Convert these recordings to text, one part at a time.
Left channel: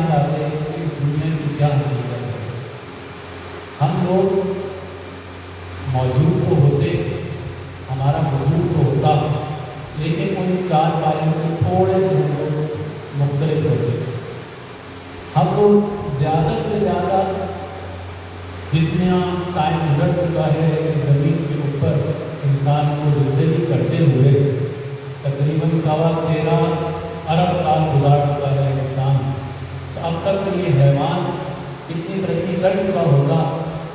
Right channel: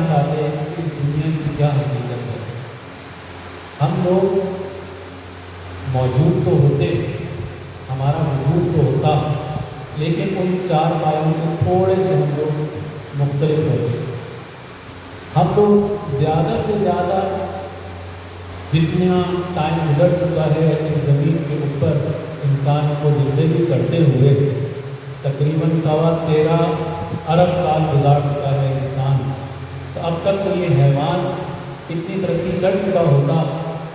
نہیں پاتے کہ اس دنیا کی کیا حقیقت ہے۔ ہم لوگ موجود تو ہوتے، ہمارا وجود تو ہوتا، لیکن ان چار پائیوں سے تھوڑے سے ہم لوگ مختلف ہوتے۔ ہم لوگ زیادہ سے زیادہ جتنا ٹائم گزر چکا ہے اس زمین کے اوپر انسان کو زندگی کرتے ہوئے، تقریباً 13.25 ارب سال گزار چکا ہے انسان۔ تو اب تک تو یہ حیوان اتنی ترقی کر چکا ہوتا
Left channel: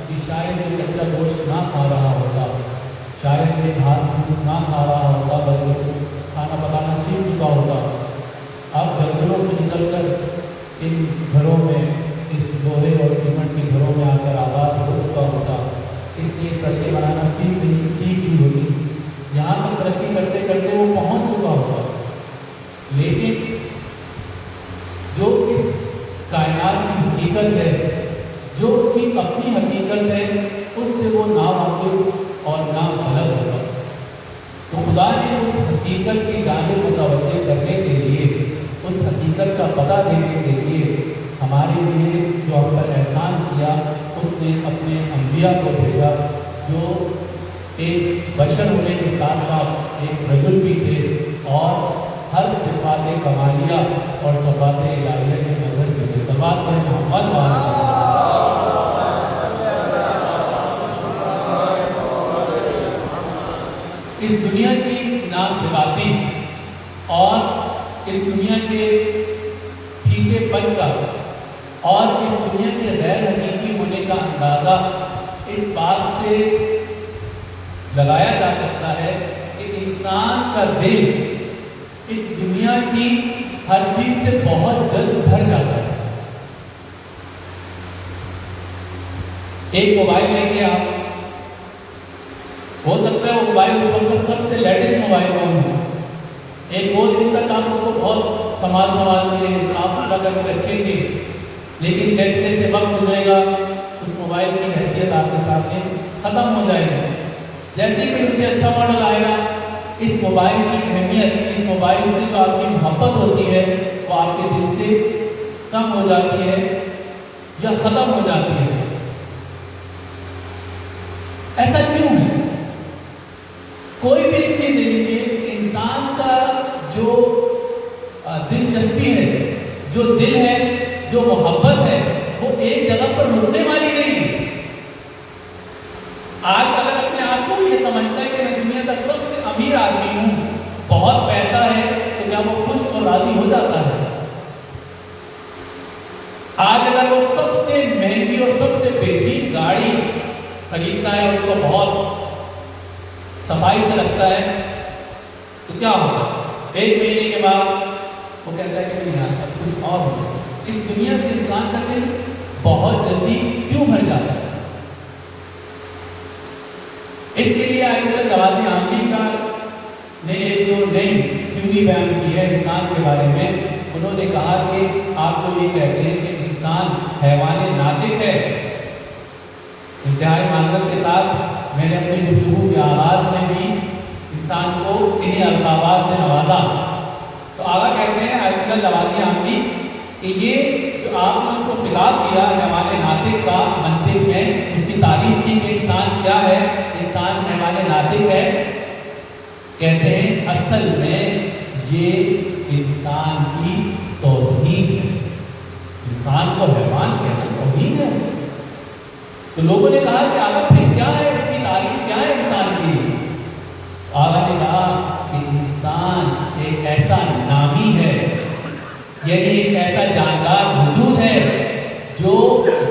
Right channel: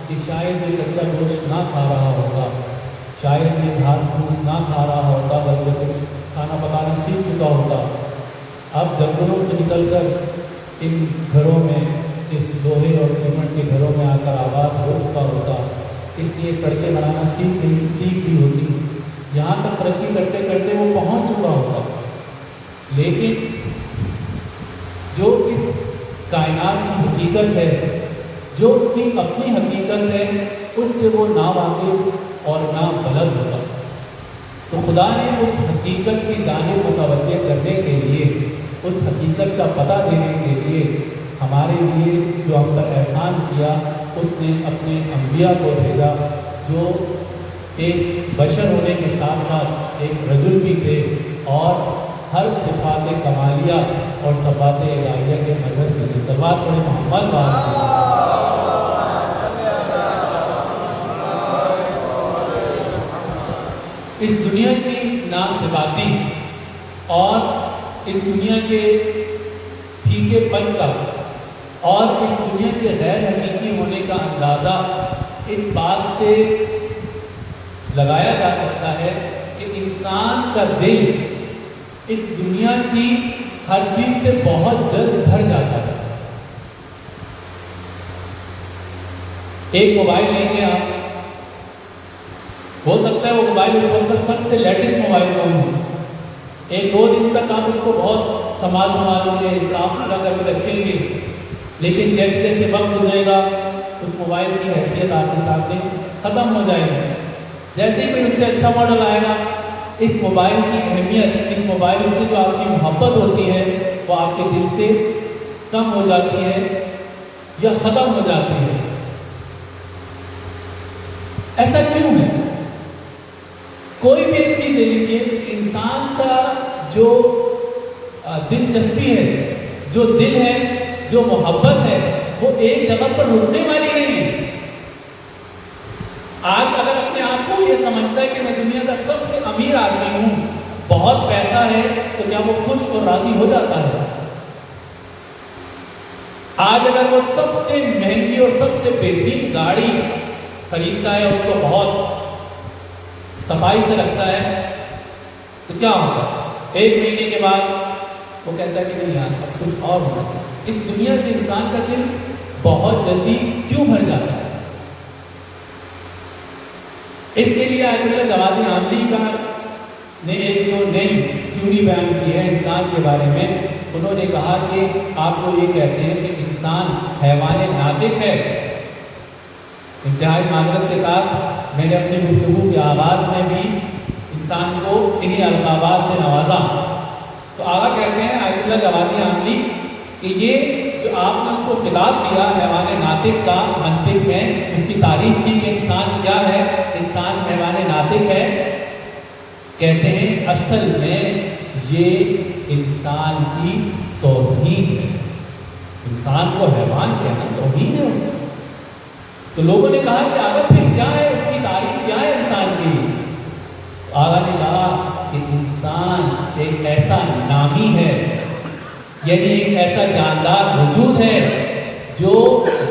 کہ شاید یہ کچا گوشت نہ کھا رہا ہوتا، شاید یہ گھاس پھوس نہ کھا رہا ہوتا، بلکہ کچھ کھانا پکانا سیکھ چکا ہوتا۔ اب جنگلوں سے نکل کر ان گھروں میں، اس لوہے اور سیمنٹ کے گھروں میں آ کر آباد ہو چکا ہوتا، اس لیے سڑکیں بنانا سیکھ لی ہوتی، یہاں تک ترقی کرتے کرتے وہ پہنچ چکا ہوتا۔ لیکن جو اس کائنات کی حقیقت ہے، جو اس کی اپنی حقیقت ہے، اس سے وہ ناواقف اور ناخبر ہوتا۔ تو خدا نے اس حقیقت کی جانب متوجہ کرنے کے لیے، اس حقیقت کا پتہ دینے کے لیے ہمارے لیے جو ہم پر احسان کیا، اس نے اپنے انبیاء کو بھیجا، جو ایک بشر ہونے کے ساتھ ساتھ ایک رجل بھی تھے اور ہر صفات کمالیہ اور صفات الہیہ کے نظر کے لیے صفات پر محمد اس دنیا کی ناصفاتی اور اس دنیا کے پھیکے پن کا اور اس دنیا کے غیر حقیقی ہونے کا اندازہ اس بات سے لگایا جا سکتا ہے کہ انسان کا دل اس دنیا کی ہر چیز سے بہت جلد بھر جاتا ہے۔ ایک موبائل لیں گے آپ، ہو سکتا ہے وہ موبائل اس وقت سب سے لیٹسٹ موبائل ہو، ایک دو دن تک آپ اس کو بہت سنبھال کے صاف ستھرا کر کے رکھیں گے، لیکن جیسے جیسے وقت گزرے گا اس موبائل کی حیثیت آپ کے سامنے ختم ہو جائے گی۔ جیسے ہی اس سے اچھا ماڈل آئے گا، اس موبائل کی اہمیت، اس موبائل سے جو آپ کی محبت ہوتی ہے وہ آپ کے دل سے کم ہو جاتی ہے یا ختم ہو جاتی ہے۔ ایسا کیوں ہے؟ کوئی بھی ایک چیز دے لیجیے، انسان کا جو دلچسپی ہے، جو دل ہے، جو محبت ہے، وہ ایک جگہ پر رکنے والی نہیں ہے۔ آج اگر اپنے آپ کو یہ سمجھتا ہے کہ میں دنیا کا سب سے امیر آدمی ہوں، بہت پیسہ ہے، تو کیا وہ خوش اور راضی ہو جاتا ہے؟ آج اگر وہ سب سے مہنگی اور سب سے بہترین گاڑی خریدتا ہے، اس کو بہت صفائی سے رکھتا ہے، تو کیا ہوگا؟ ایک مہینے کے بعد وہ کہتا ہے کہ نہیں یار کچھ اور ہونا چاہیے۔ اس دنیا سے انسان کا دل بہت جلدی کیوں بھر جاتا ہے؟ اس کے لیے آیت اللہ جواد عاملی کا نے ایک جو نئی تھیوری بیان کی ہے انسان کے بارے میں، انہوں نے کہا کہ آپ کو یہ کہتے ہیں کہ انسان حیوان ناطق ہے۔ انتہائی معذرت کے ساتھ میں نے اپنے گفتگو کے آغاز میں بھی انسان کو انہی القابات سے نوازا۔ تو آگا کہتے ہیں آیت اللہ جواد عاملی کہ یہ جو آپ نے اس کو خطاب دیا حیوان ناطق کا منطق ہے، اس کی تعریف کی کہ انسان کیا ہے، انسان حیوان ناطق ہے، کہتے ہیں اصل میں یہ انسان کی توہین ہے۔ انسان کو حیوان کہنا توہین ہے اس کی۔ تو لوگوں نے کہا کہ آگا پھر کیا ہے، اس کی تعریف کیا ہے انسان کی؟ آگا نے کہا کہ انسان ایک ایسا نامی ہے، یعنی ایک ایسا جاندار وجود ہے جو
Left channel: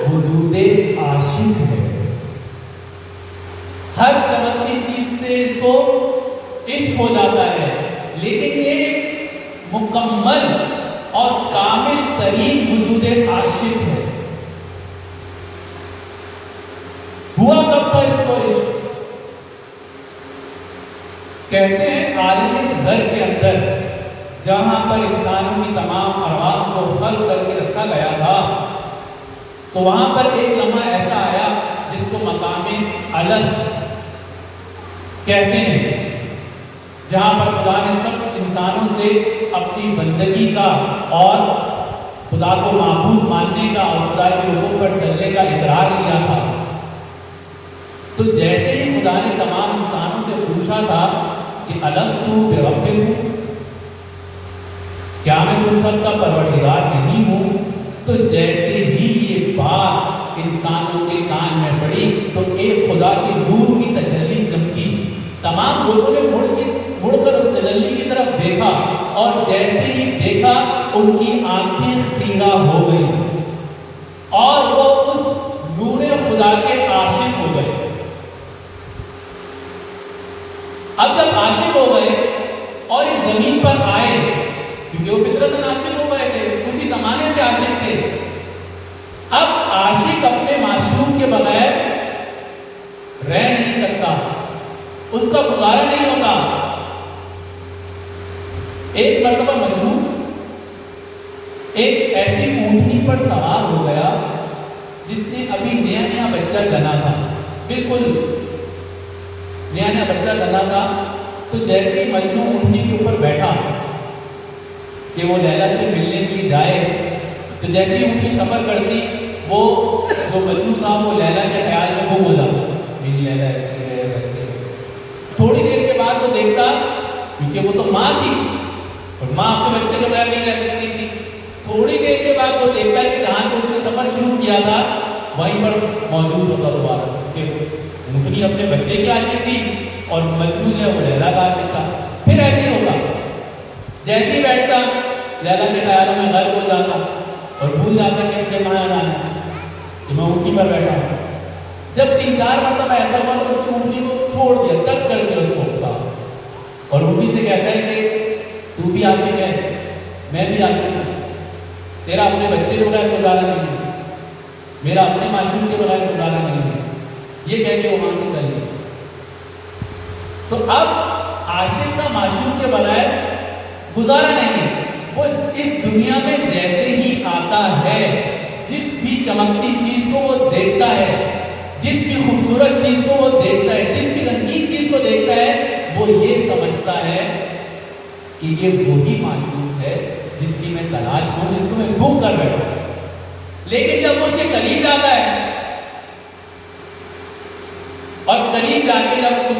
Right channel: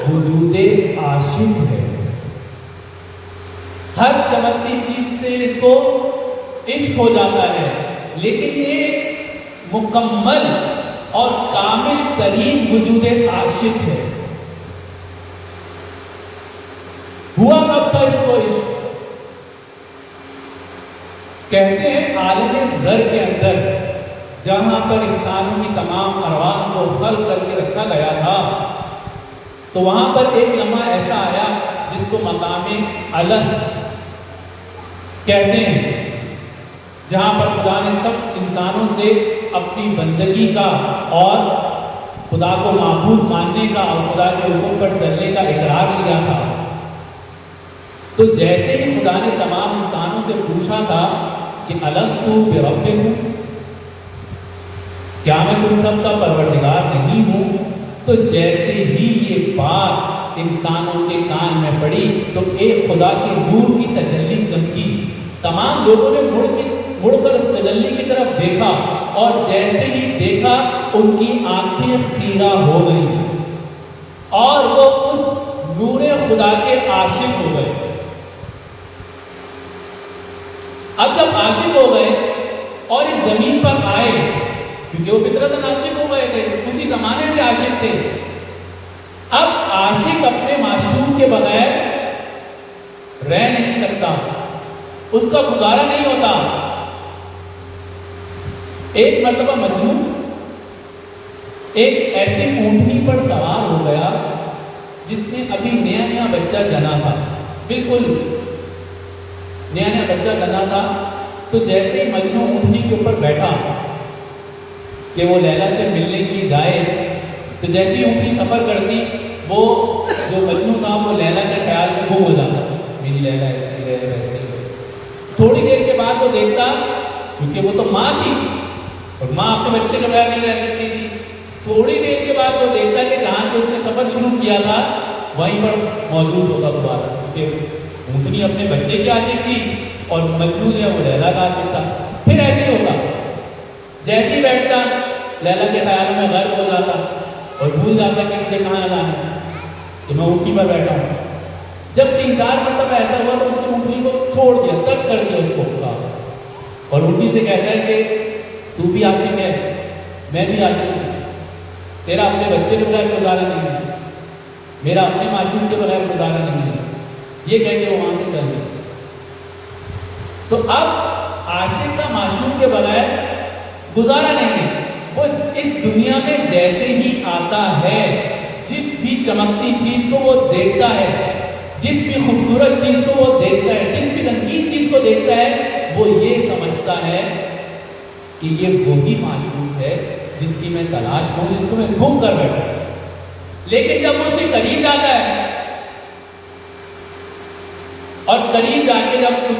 وجود عاشق ہے۔ ہر چمکتی چیز سے اس کو عشق ہو جاتا ہے، لیکن یہ مکمل اور کامل ترین وجود عاشق ہے۔ ہوا کب تھا اس کو عشق؟ کہتے ہیں عالم زر کے اندر جہاں پر انسانوں کی تمام ارواح کو خلق کر کے رکھا گیا تھا، تو وہاں پر ایک لمحہ ایسا آیا جس کو مقام الست کہتے ہیں، جہاں پر خدا نے سب انسانوں سے اپنی بندگی کا اور خدا کو معبود ماننے کا اور خدا کے حکم پر چلنے کا اقرار لیا تھا، تو جیسے ہی خدا نے تمام انسانوں سے پوچھا تھا کہ الستو بربکم، کیا میں تم سب کا پروردگار نہیں ہوں، تو جیسے ہی یہ بات انسانوں کے کان میں پڑی تو ایک خدا کے نور کی تجلی چمکی، تمام لوگوں نے مڑ کر اس تجلی کی طرف دیکھا، اور جیسے ہی دیکھا ان کی آنکھیں خیرہ ہو گئی اور وہ اس نور خدا کے عاشق ہو گئے۔ اب جب عاشق ہو گئے اور اس زمین پر آئے، کیونکہ وہ فطرتاً عاشق ہو گئے تھے، اسی زمانے سے عاشق تھے، اب عاشق اپنے معشوق کے بغیر رہ نہیں سکتا، اس کا گزارا نہیں ہوتا۔ ایک مرتبہ مجنون ایک ایسی اونٹنی پر سوار ہو گیا جس نے ابھی نیا بچہ جنا تھا، بالکل نیا بچہ جنا تھا۔ تو جیسے ہی مجنون اونٹنی کے اوپر بیٹھا کہ وہ لیلا سے ملنے کے لیے جائے، تو جیسے ہی اونٹنی سفر کرتی، وہ جو مجنون تھا وہ لیلا کے خیال میں ڈوب گیا، میری لیلا ایسے ہی رہے ویسے۔ تھوڑی دیر کے بعد وہ دیکھتا، کیونکہ وہ تو ماں تھی اور ماں اپنے بچے کے بغیر نہیں رہ سکتی تھی، تھوڑی دیر کے بعد وہ دیکھتا کہ جہاں سے اس نے سفر شروع کیا تھا وہیں پر موجود ہوگا دوبارہ، کہ اونٹنی اپنے بچے کی عاشق تھی اور مجنون ہے وہ لیلا کا عاشق تھا۔ پھر ایسے ہی ہوگا، جیسے ہی بیٹھتا لیلا کے خیالوں میں غرق ہو جاتا اور بھول جاتا کہ مجھے کہاں آنا ہے، کہ میں اونٹنی پر بیٹھا ہوں۔ جب 3-4 مرتبہ ایسا ہوا تو اس نے اونٹنی کو چھوڑ دیا، ترک کر دیا اس کو، اور اونٹنی سے کہتا ہے کہ تو بھی عاشق ہے، میں بھی عاشق ہوں، تیرا اپنے بچے کے بغیر گزارا نہیں ہے، میرا اپنے معشوق کے بغیر گزارا نہیں ہے، یہ کہہ کے وہ وہاں سے چل گیا۔ تو اب عاشق کا معشوق کے بغیر گزارا نہیں ہے، وہ اس دنیا میں جیسے ہی آتا ہے، جس بھی چمکتی چیز کو وہ دیکھتا ہے، جس بھی خوبصورت چیز کو وہ دیکھتا ہے، جس بھی رنگین چیز کو دیکھتا ہے، وہ یہ سمجھتا ہے کہ یہ وہی معشوق ہے جس کی میں تلاش کروں، جس کو میں گم کر رہا ہوں۔ لیکن جب اس کے قریب جاتا ہے اور قریب جا کے جب اس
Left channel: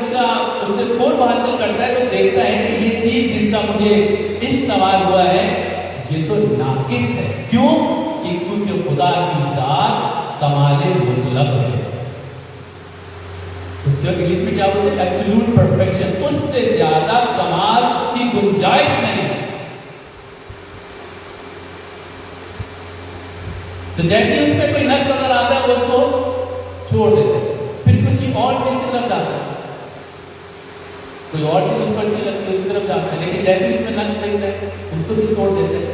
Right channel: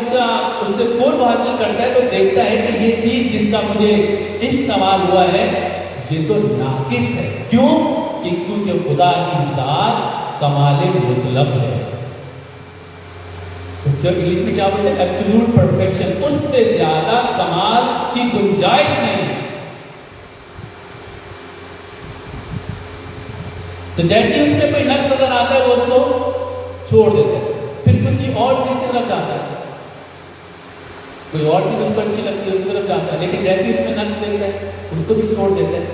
سے قرب حاصل کرتا ہے، تو دیکھتا ہے کہ یہ چیز جس کا مجھے عشق سوار ہوا ہے یہ تو ناقص ہے۔ کیوں؟ کہ کیونکہ خدا کی ذات کمال مطلق ہے، اس کے انگلش میں کیا بولتے ہیں، ایبسولوٹ پرفیکشن، اس سے زیادہ کمال کی گنجائش نہیں۔ تو جیسے اس میں کوئی نقص نظر آتا ہے وہ اس کو چھوڑ دیتے ہیں، پھر کسی اور چیز کی طرف جاتا ہے، کوئی اور چیز اس کو اچھی لگتی ہے اس کی طرف جاتا ہے، لیکن جیسے اس میں نقص دیکھتے ہیں اس کو بھی چھوڑ دیتے ہیں۔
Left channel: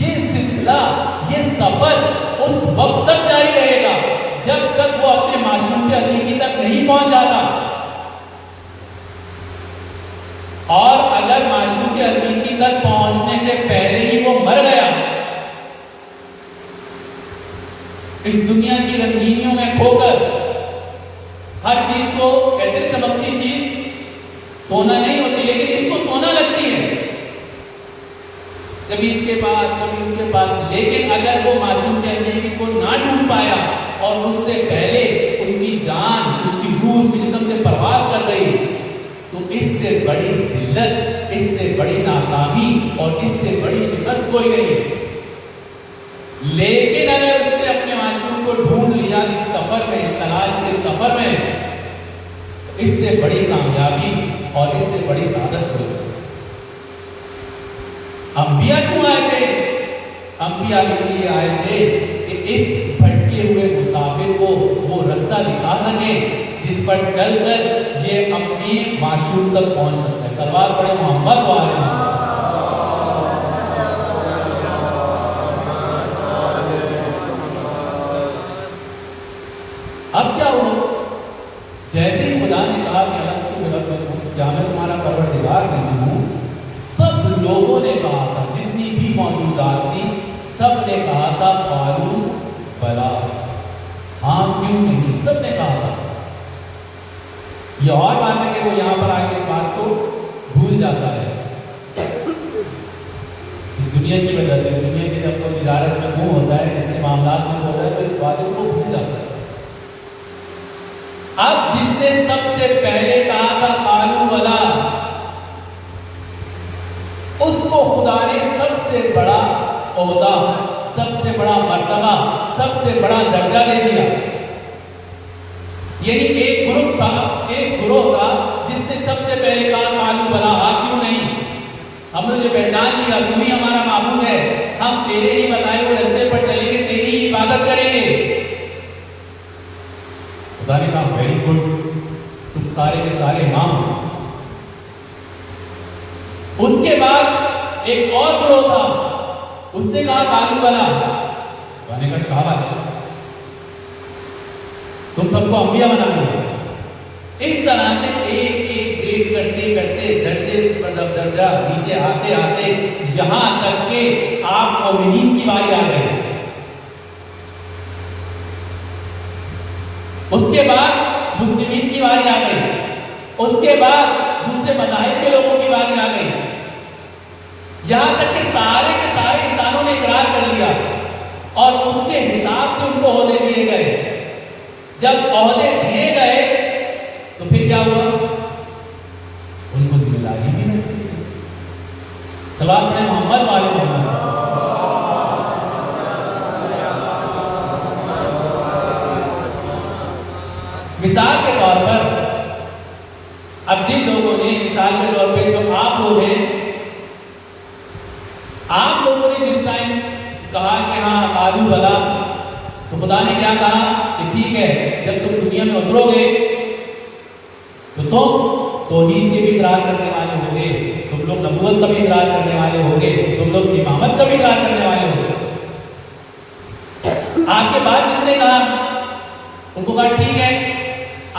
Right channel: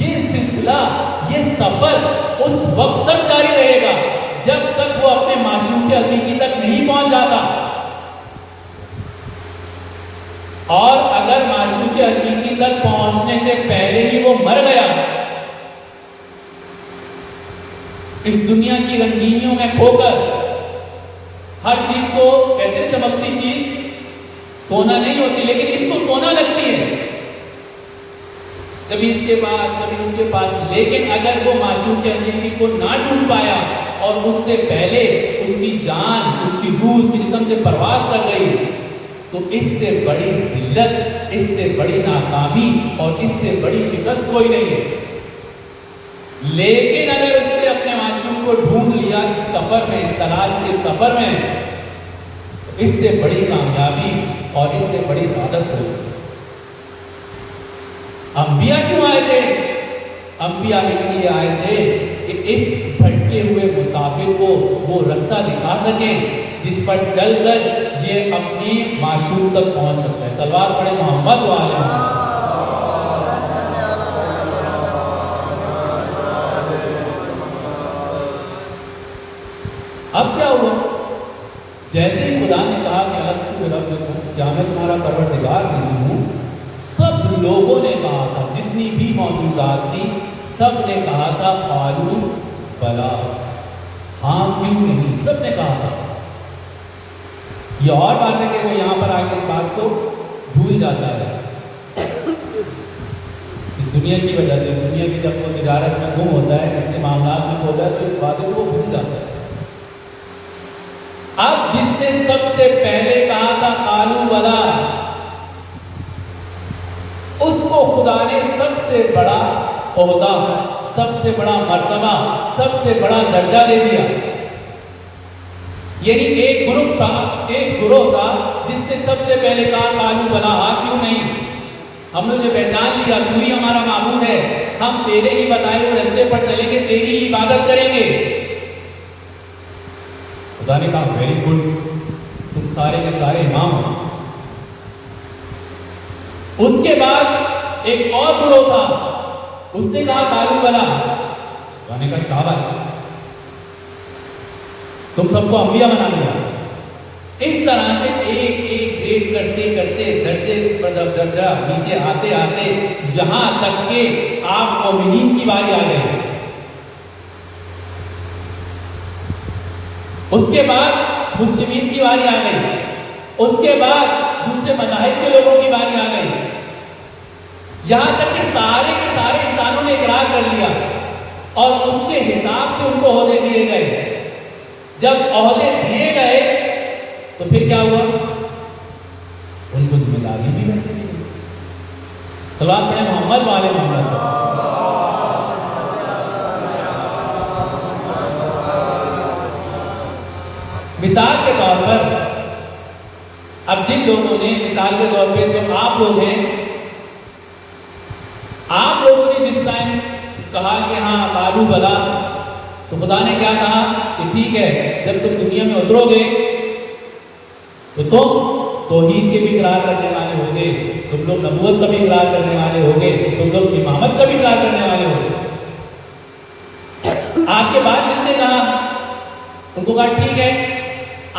یہ سلسلہ، یہ سفر اس وقت تک جاری رہے گا جب تک وہ اپنے معشوق حقیقی تک نہیں پہنچ جاتا، اور اگر معشوق حقیقی تک پہنچنے سے پہلے ہی وہ مر گیا، اس دنیا کی رنگینیوں میں کھو کر، ہر چیز کو کہتے ہیں چمکتی چیز سونا نہیں ہوتی، لیکن اس کو سونا لگتی ہے، کبھی اس کے پاس کبھی اس کے پاس، لیکن اگر وہ معشوق حقیقی کو نہ ڈھونڈ پایا اور اس سے پہلے اس کی جان، اس کی روح اس کے جسم سے پرواز کر گئی، تو اس سے بڑی ذلت، اس سے بڑی ناکامی اور اس سے بڑی شکست کوئی نہیں ہے۔ لیکن اگر اس نے اپنے معشوق کو ڈھونڈ لیا اس سفر میں، اس تلاش کے سفر میں، اس سے بڑی کامیابی اور اس سے بڑی سعادت ہوئی۔ انبیاء کیوں آئے تھے؟ انبیاء اس لیے آئے تھے کہ اس بھٹکے ہوئے مسافر کو وہ رستہ دکھا سکے جس پر چل کر یہ اپنے معشوق تک پہنچ سکتا ہے۔ صلوات پڑھیں محمد و آل محمد۔ اب کیا ہوا؟ جیسے ہی خدا نے کہا کہ الستو بربکم، کیا میں تمہارا پروردگار نہیں ہوں، سب لوگوں نے کہا تھا، جتنی بھی موجودات تھی سب نے کہا تھا قالوا سے بڑا درجہ دے دیا. یہی ایک گروہ تھا جس نے سب سے پہلے کہا قالوا بلا، کیوں نہیں، ہم نے پہچان لیا تو ہی ہمارا معبود ہے، ہم تیرے ہی بتائے ہوئے راستے پر چلیں گے، تیری ہی عبادت کریں گے. خدا نے کہا ویری گڈ، تم سارے کے سارے امام. اس کے بعد ایک اور گروہ تھا، اس نے کہا قالوا بلا. خدا نے کہا شاباش، تم سب کو انبیاء بنا دیا. اس طرح سے ایک ایک گریڈ کرتے کرتے درجے پر درجہ نیچے آتے آتے یہاں تک کہ آپ مومنین کی باری آ گئے. اس کے بعد مسلمین کی باری آ گئی، اس کے بعد دوسرے مذاہب کے لوگوں کی باری آ گئی، یہاں تک کہ سارے کے سارے انسانوں نے اقرار کر لیا اور اس کے حساب سے ان کو عہدے دیے گئے. جب عہدے دیے گئے تو پھر کیا ہوا؟ ان کو ذمہ داری بھی ویسے دی. صلوات پڑھیں محمد والے محمد. مثال کے طور پر اب جن لوگوں نے مثال کے طور پہ جو آپ لوگ ہیں، آپ لوگوں نے جس ٹائم کہا کہ ہاں قالوا بلا، تو خدا نے کیا کہا کہ ٹھیک ہے، جب تم دنیا میں اترو گے تو تم توحید کے بھی اقرار کرنے والے ہوگے، تم لوگ نبوت کا بھی اقرار کرنے والے ہوگے، تم لوگ امامت کا بھی اقرار کرنے والے ہوگے. آپ کے بعد جس نے کہا ان کو کہا ٹھیک ہے،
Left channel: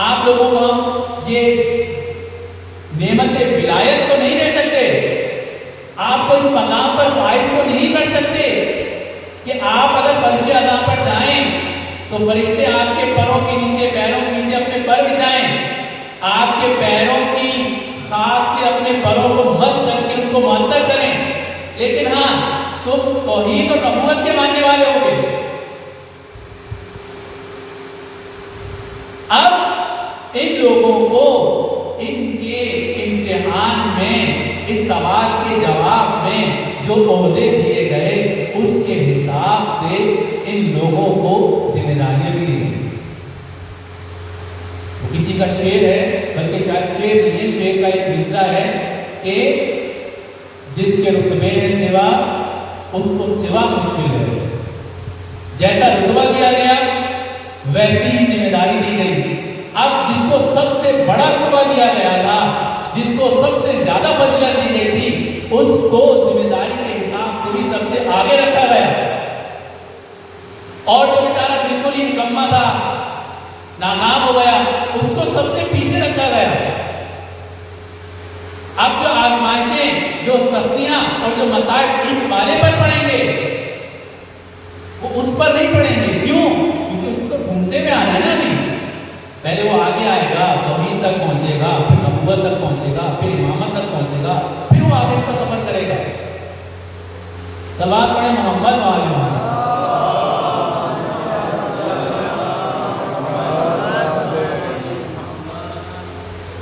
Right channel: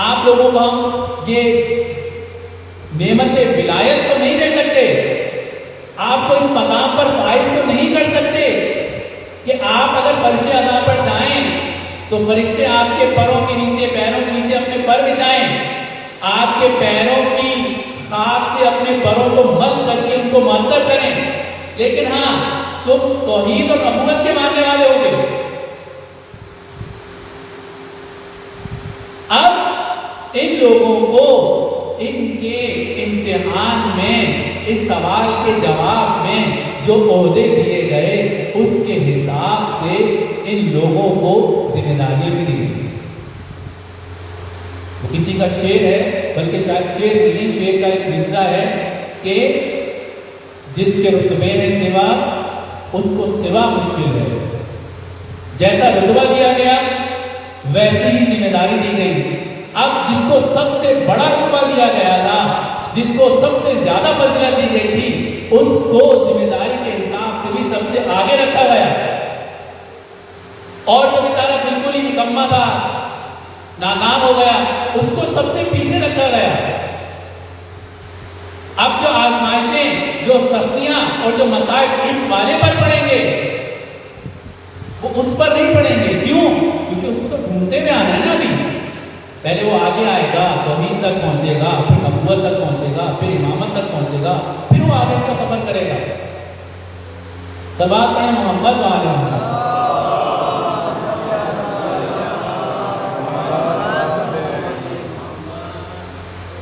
آپ لوگوں کو یہ نعمت ولایت تو نہیں دے سکتے، آپ کو اس مقام پر فائز تو نہیں کر سکتے کہ آپ اگر فرش اعلیٰ پر جائیں تو فرشتے آپ کے پیروں کے نیچے اپنے پر بچھائیں، آپ کے پیروں کی خاک سے اپنے پروں کو مس کر کے ان کو معطر کریں، لیکن ہاں تم توحید اور نبوت کے ماننے والے ہو گے. اب ان لوگوں کو ان کے امتحان میں، اس سوال کے جواب میں جو عہدے دیے گئے اس کے حساب سے ان لوگوں کو ذمہ داریاں بھی دی گئی. کسی کا شعر ہے، بلکہ شاید شعر نہیں ہے، شعر کا ایک مصرع ہے کہ جس کے رتبے میں سوا اس کو سوا مشکل ہے. جیسا رتبہ دیا گیا ویسی ہی ذمہ داری دی گئی. اب جس کو سب سے بڑا رتبہ دیا گیا تھا، جس کو سب سے زیادہ فضیلت دی گئی تھی، اس کو ذمہ داری کے حساب سے بھی سب سے آگے رکھا گیا، اور جو بیچارہ بالکل ہی نکما تھا، ناکام ہو گیا، اس کو سب سے پیچھے رکھا گیا. اب جو آزمائشیں، جو سختیاں اور جو مسائل اس والے پر پڑیں گے وہ اس پر نہیں پڑیں گے. کیوں؟ کیونکہ اس کو ڈھونڈتے میں آ جانا نہیں. پہلے وہ آگے آئے گا، توحید تک پہنچے گا، پھر نبوت تک پہنچے گا، پھر امامت تک پہنچے گا، پھر وہ آگے کا سفر کرے گا. صلوات پڑھیں محمد والے محمد.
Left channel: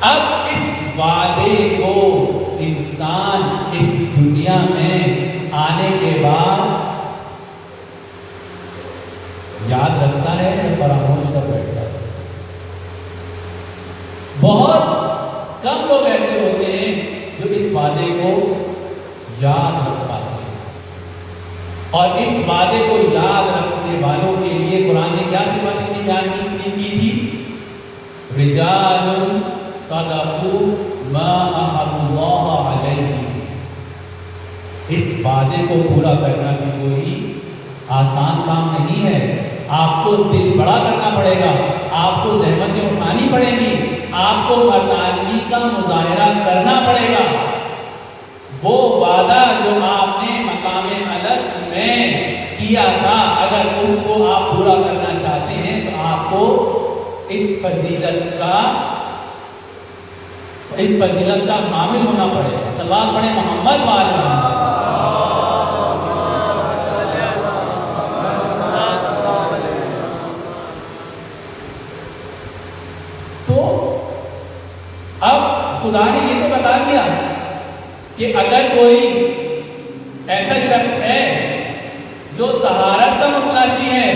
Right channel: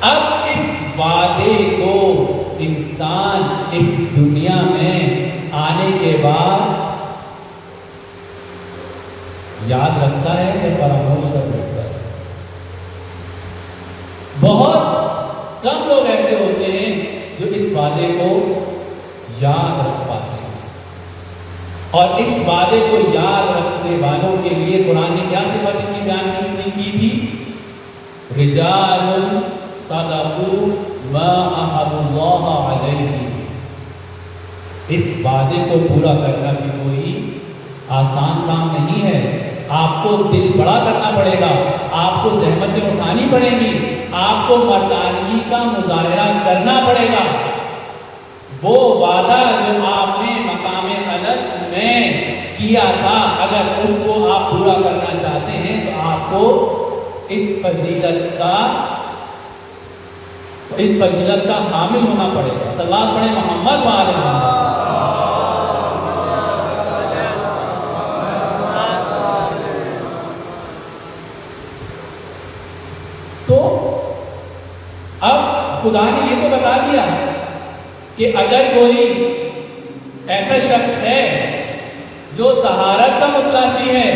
اب اس وعدے کو انسان اس دنیا میں آنے کے بعد یاد رکھتا ہے کہ فراموش کر بیٹھتا ہے. بہت کم لوگ ایسے ہوتے ہیں جو اس وعدے کو یاد رکھ پاتے ہیں. اور اس وعدے کو یاد رکھنے والوں کے لیے قرآن نے کیا صفت اتنی بیان کی تھی؟ رجال صدقوا ما عاهدوا اللہ علیہ. اس وعدے کو پورا کرنا بھی کوئی آسان کام نہیں ہے. آپ کو دل بڑا کرنا پڑے گا، آپ کو زحمتیں اٹھانی پڑے گی، آپ کو مردانگی کا مظاہرہ کرنا پڑے گا. وہ وعدہ جو آپ نے مقام الست میں کیا تھا، اگر اس کو آپ پورا کرنا چاہتے ہیں تو آپ کو اس فضیلت کا حامل ہونا پڑے گا. صلوات پڑھیں محمد وآل محمد. خدا نے یہ تو بتا دیا کہ اگر کوئی ایسا شخص ہے جو طہارت کا متلاشی ہے،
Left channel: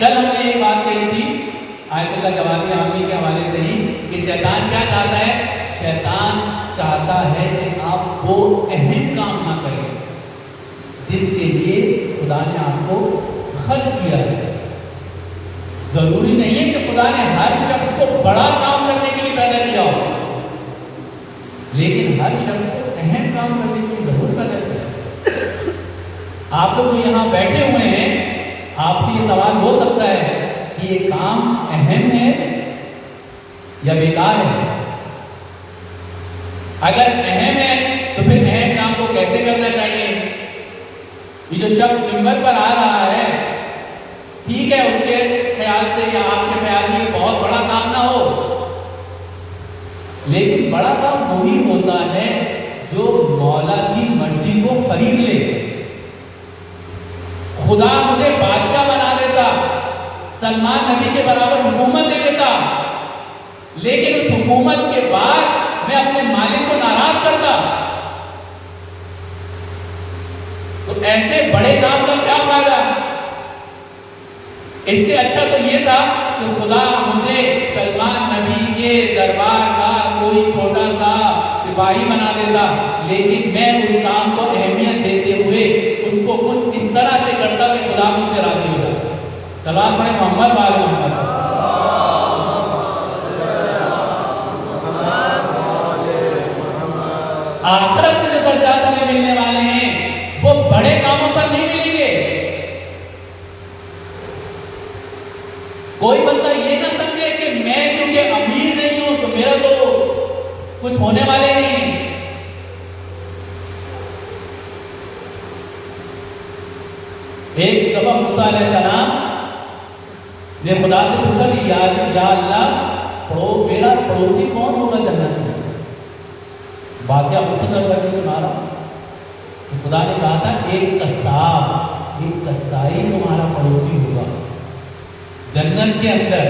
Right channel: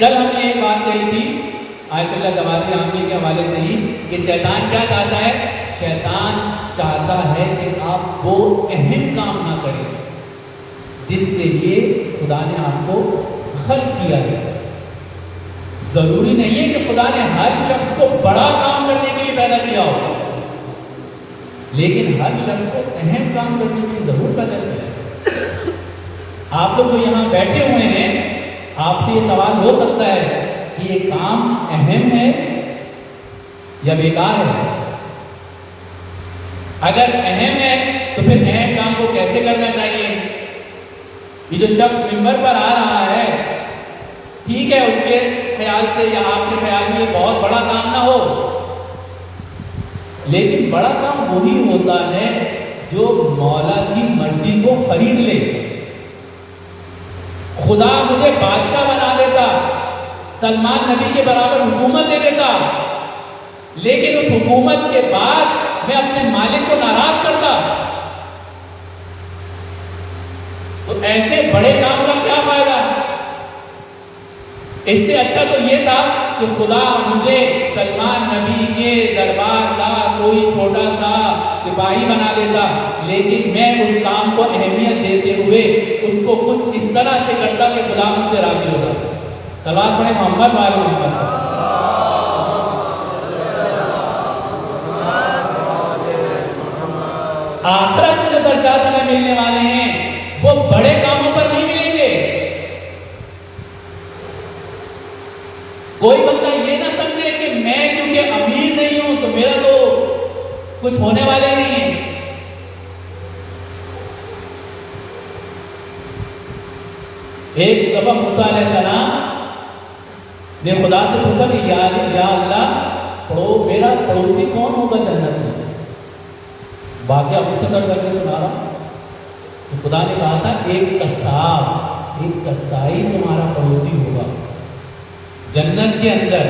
کل ہم نے ایک بات کہی تھی آیت اللہ جوادی عامی کے حوالے سے ہی کہ شیطان کیا چاہتا ہے؟ شیطان چاہتا ہے کہ آپ وہ اہم کام نہ کریں جس کے لیے خدا نے آپ کو خلق کیا ہے۔ ضروری نہیں ہے کہ خدا نے ہر شخص کو بڑا کام کرنے کے لیے پیدا کیا ہو، لیکن ہر شخص کو اہم کام کرنے کے لیے ضرور پیدا کیا ہے۔ آپ لوگ یہاں بیٹھے ہوئے ہیں، آپ سے یہ سوال ہو سکتا ہے کہ یہ کام اہم ہے یا بیکار ہے؟ اگر اہم ہے تو پھر اہم کام کو کیسے کرنا چاہیے؟ یہ جو شخص ممبر پر آ رہا ہے، ٹھیک ہے اس کے خیال سے یا آپ کے خیال میں بہت بڑا کام نہ ہو، لیکن بڑا کام وہی ہوتا ہے جو مولا کی مرضی کو خرید لے۔ خدا مجھے بادشاہ بنا دیتا، سلمان نبی کے برابر حکومت دے دیتا، لیکن اس حکومت کے بعد میں اپنے مالک کو ناراض کرتا، تو ایسے بڑے کام کا کیا فائدہ؟ اس سے اچھا تو یہ تھا کہ خدا مجھے سلمان نبی کے دربار کا کوئی چھوٹا سا سپاہی بنا دیتا، لیکن میں اس کام کو اہمیت دیتے ہوئے اس کو کچھ اس طرح سے کرتا کہ خدا مجھ سے راضی ہوتا۔ سلام پڑھیں محمد والے محمد۔ آخرت میں جو درجات ہمیں ملنے والے ہیں وہ بڑے کاموں پر نہیں ملیں گے۔ کوئی بندہ یہ نہ سمجھے کہ میں کیونکہ امیر نہیں ہوں تو میرا تو کچھ ہونے والے نہیں ہے۔ ایک دفعہ موسیٰ علیہ السلام نے خدا سے پوچھا کہ یا اللہ تو میرا پڑوسی کون ہوگا جنت میں؟ واقعہ مختصر کر کے سنا۔ خدا نے کہا تھا ایک قصاب، ایک قصائی تمہارا پڑوسی ہوگا جنت کے اندر۔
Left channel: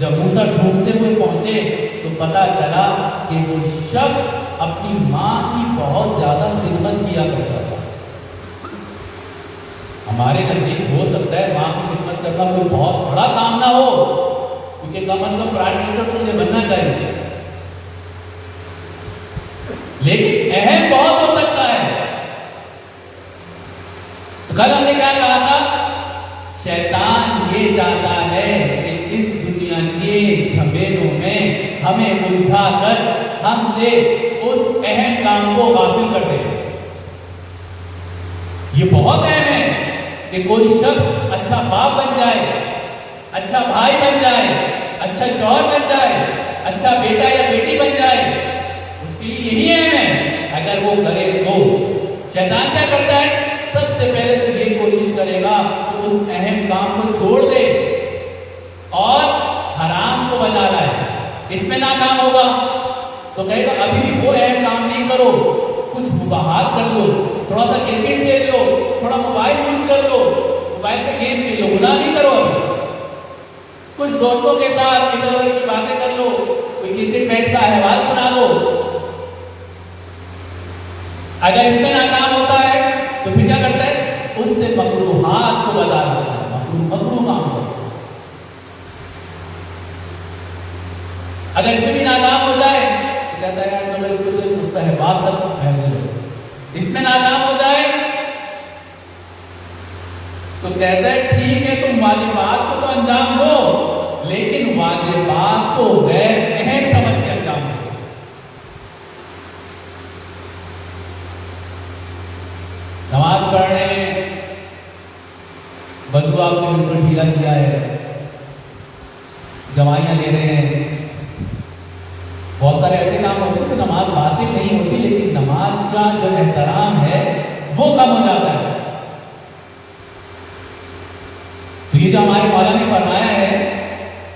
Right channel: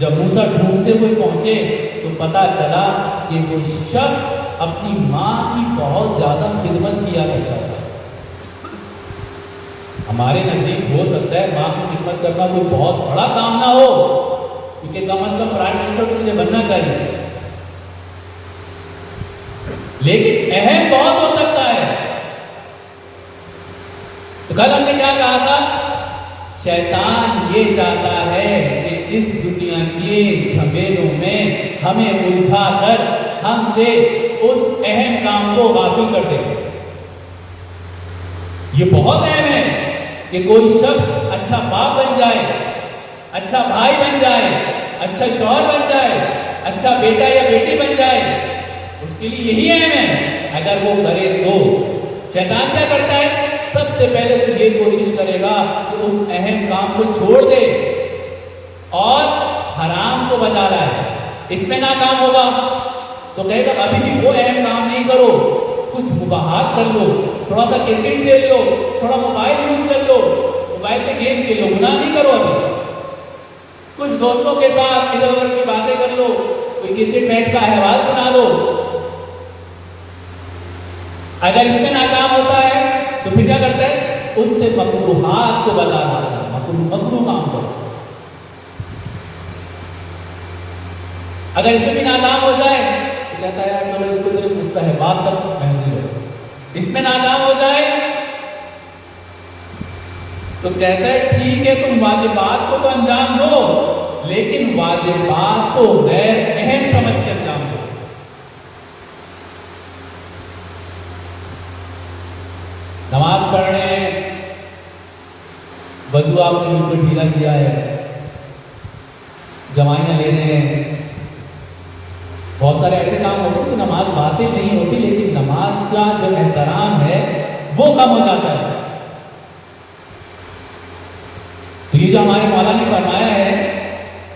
جب موسیٰ ڈھونڈتے ہوئے پہنچے تو پتا چلا کہ وہ شخص اپنی ماں کی بہت زیادہ خدمت کیا کرتا تھا۔ ہمارے نزدیک ہو سکتا ہے ماں کی خدمت کرنا کوئی بہت بڑا کام نہ ہو، کیونکہ کم از کم پرائم منسٹر تو مجھے بننا چاہیے، لیکن اہم بہت ہو سکتا ہے۔ تو کل ہم نے کیا کہا تھا؟ شیطان یہ چاہتا ہے کہ اس دنیا کے جھمیلوں میں ہمیں الجھا کر ہم سے اس اہم کام کو غافل کر دے۔ یہ بہت اہم ہے کہ کوئی شخص اچھا باپ بن جائے، اچھا بھائی بن جائے، اچھا شوہر بن جائے، اچھا بیٹا یا بیٹی بن جائے، اس کے لیے یہی اہم ہے۔ اگر وہ کرے تو شیطان کیا کرتا ہے؟ سب سے پہلے تو یہ کوشش کرے گا کہ اس اہم کام کو چھوڑ دے اور حرام کو بجا رہا ہے، اس میں ناکام ہوگا تو کہے گا ابھی بھی وہ اہم کام نہیں کرو، کچھ مباحات کر لو، تھوڑا سا کرکٹ کھیل لو، تھوڑا موبائل یوز کر لو، موبائل پہ گیم کھیل لو، گناہ نہیں کرو، ابھی کچھ دوستوں کے ساتھ ادھر ادھر کی باتیں کر لو، کوئی کرکٹ میچ کا احوال سنا دو۔ اگر اس میں ناکام ہوتا ہے تو پھر کیا کرتے ہیں؟ اس سے مکروہات کو بجا لاتا ہے، مکروہ کام ہوتا ہے۔ اگر اس میں بھی ناکام ہو جائے تو کہتا ہے چلو اس کو صرف مستحبات تک پہننے دو۔ اس میں ناکام ہو جائے تو کہتا ہے ٹھیک ہے تم واجبات کو تو انجام دو، لیکن واجبات کو غیر اہم سمجھ کے انجام دو۔ نماز پڑھ رہے ہیں، وضو آپ نے بالکل ڈھیلا کیا ہے، جمائیاں لے رہے ہیں، بہت سارے ایسے کام ہوتے ہیں جو نماز باطل نہیں ہوتی، لیکن نماز کا جو احترام ہے وہ کم ہو جاتا ہے۔ تو یہ جو ہمارے مولا نے فرمایا ہے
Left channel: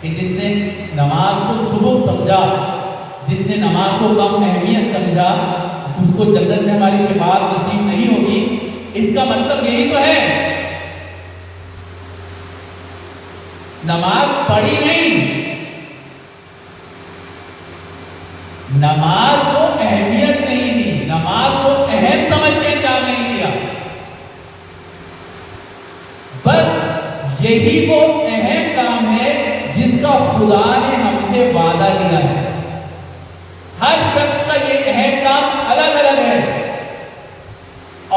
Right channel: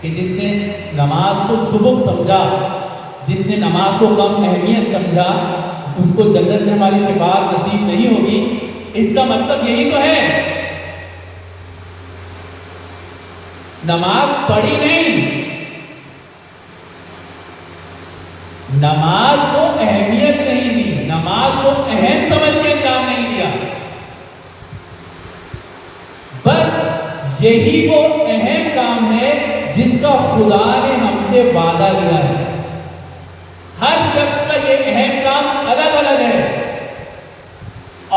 کہ جس نے نماز کو صبح سمجھا، جس نے نماز کو کم اہمیت سمجھا، اس کو جنت میں ہماری شفاعت نصیب نہیں ہوگی۔ اس کا مطلب یہی تو ہے، نماز پڑھی نہیں، نماز کو اہمیت نہیں دی، نماز کو اہم سمجھ کے انجام نہیں دیا، بس یہی وہ اہم کام ہے جس کا خدا نے ہم سے وعدہ لیا ہے. ہر شخص کا یہ اہم کام الگ الگ ہے،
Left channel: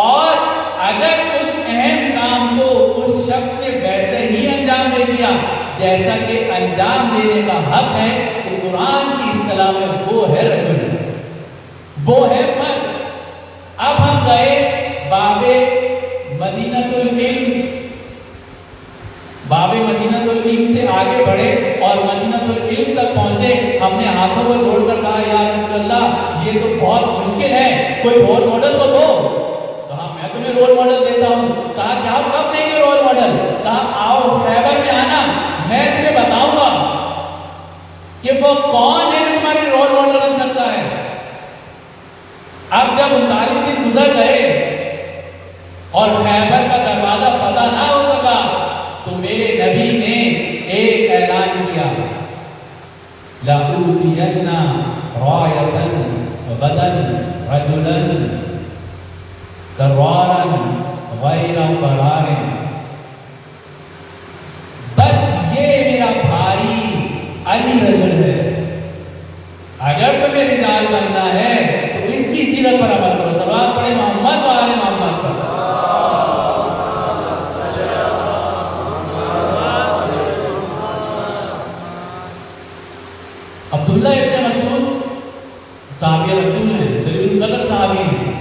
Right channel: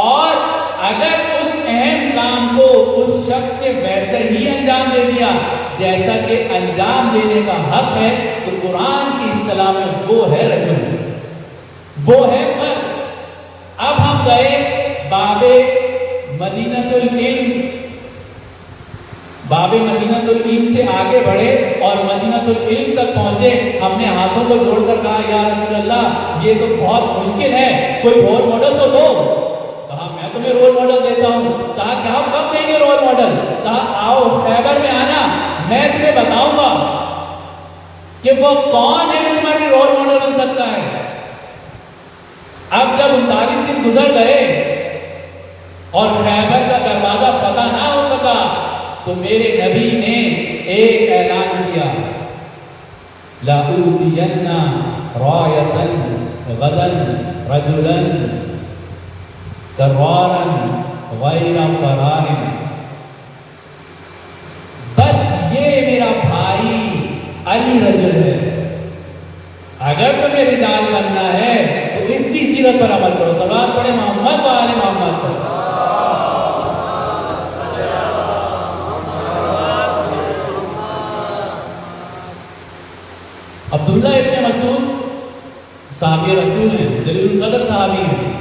اور اگر اس اہم کام کو اس شخص نے ویسے ہی انجام دے دیا جیسا کہ انجام دینے کا حق ہے، تو قرآن کی اصطلاح میں وہ ہے رجل، وہ ہے پر. اب ہم گئے باب مدینۃ العلم، باب مدینۃ العلم سے آگے بڑھے اور مدینۃ العلم تک پہنچے. ہم نے ہاتھوں کو جوڑ کر کہا یا رسول اللہ یہ تو بہت مشکل ہے، کوئی رول ماڈل تو دو. کہا میں تمہیں رول ماڈل دیتا ہوں. کہا کہ آپ کب دیں گے رول ماڈل؟ کہا آؤ خیبر میں آنا، میں تمہیں بتاؤں گا کہ وہ کون ہے جو تمہاری رول ماڈل بن سکتا ہے. اب جب 39 دن گزر گئے اور خیبر کا دروازہ فتح نہ ہو سکا تو میرے نبی نے ایک اعلان کیا، لَأُوتِيَنَّ رَايَةً غَدًا رَجُلًا كَرَّارًا غَيْرَ فَرَارٍ. بس یہ میرا بھائی علی رجل ہے. اگر تمہیں رجال بننا ہے تو اس کی سیرت پر عمل کرو. صلوات پڑھے محمد و آل محمد پر. عبداللہ ابن مسعود صحابی رسول ہیں، جلیل القدر صحابی ہیں.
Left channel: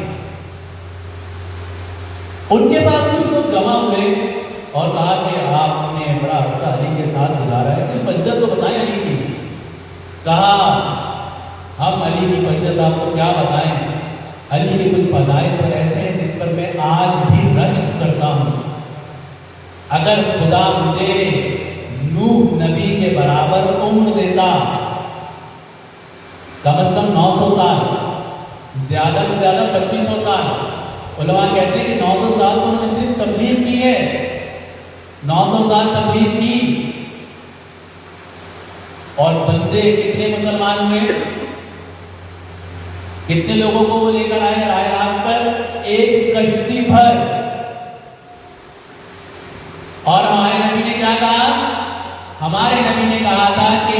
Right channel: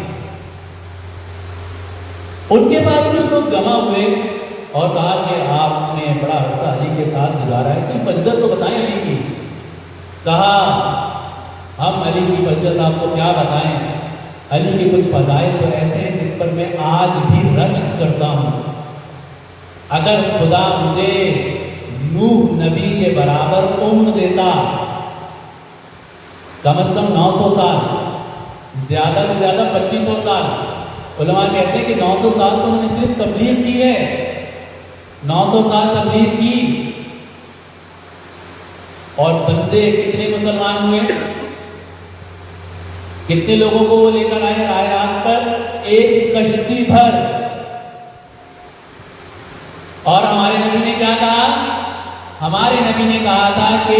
ان کے پاس کچھ لوگ جمع ہوئے اور کہا کہ آپ نے بڑا عرصہ علی کے ساتھ گزارا ہے، کوئی فضیلت تو بتائیں علی کی. کہا ہم علی کی فضیلت آپ کو کیا بتائیں، علی کے کچھ فضائل تو ایسے ہیں جس پر میں آج بھی رشک کرتا ہوں. اگر خدا مجھے نوح نبی کے برابر عمر دیتا، کم از کم 900 سال، زیادہ سے زیادہ 2500 سال. علماء کہتے ہیں کہ 900 سال تو انہوں نے صرف تبلیغ کی ہے، 900 سال تبلیغ کی، اور بندے کتنے مسلمان ہوئے، کتنے لوگوں کو وہ لے کر آئے راست پر؟ ایک کشتی بھر. اور ہمارے نبی نے کیا کہا؟ ہمارے نبی نے کہا تھا کہ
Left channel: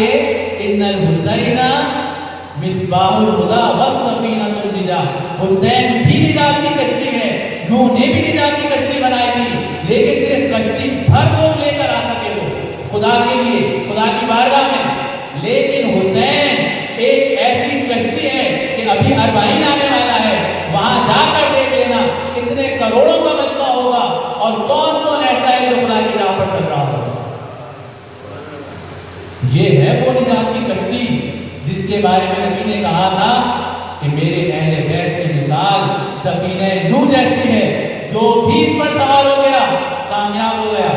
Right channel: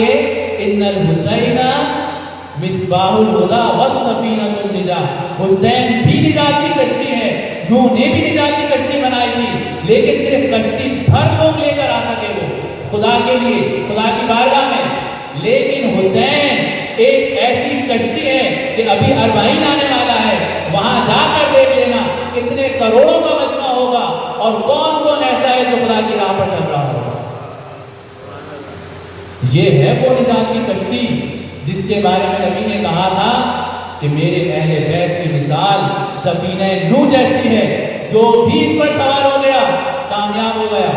ان الحسین مصباح الہدی والسفینۃ النجاۃ. حسین بھی نجات کی کشتی ہے، نوح نے بھی نجات کی کشتی بنائی تھی، لیکن صرف کشتی بھر لوگ لے کر آ سکے وہ خدا کے لیے، خدا کی بارگاہ میں. لیکن حسین ایک ایسی کشتی ہے کہ ابھی اربعین آنے والا ہے، وہاں جا کر دیکھ لینا کتنے کروڑوں کا مجمع ہوگا اور کون کون ایسا ہے جو خدا کی راہ پر چل رہا ہوگا. یہ ہے وہ نجات کی کشتی جس کے بارے میں نبی نے کہا تھا کہ میرے اہل بیت کی مثال سفینہ نوح جیسی ہے، جو بھی اس پر سوار ہو گیا کامیاب ہو گیا.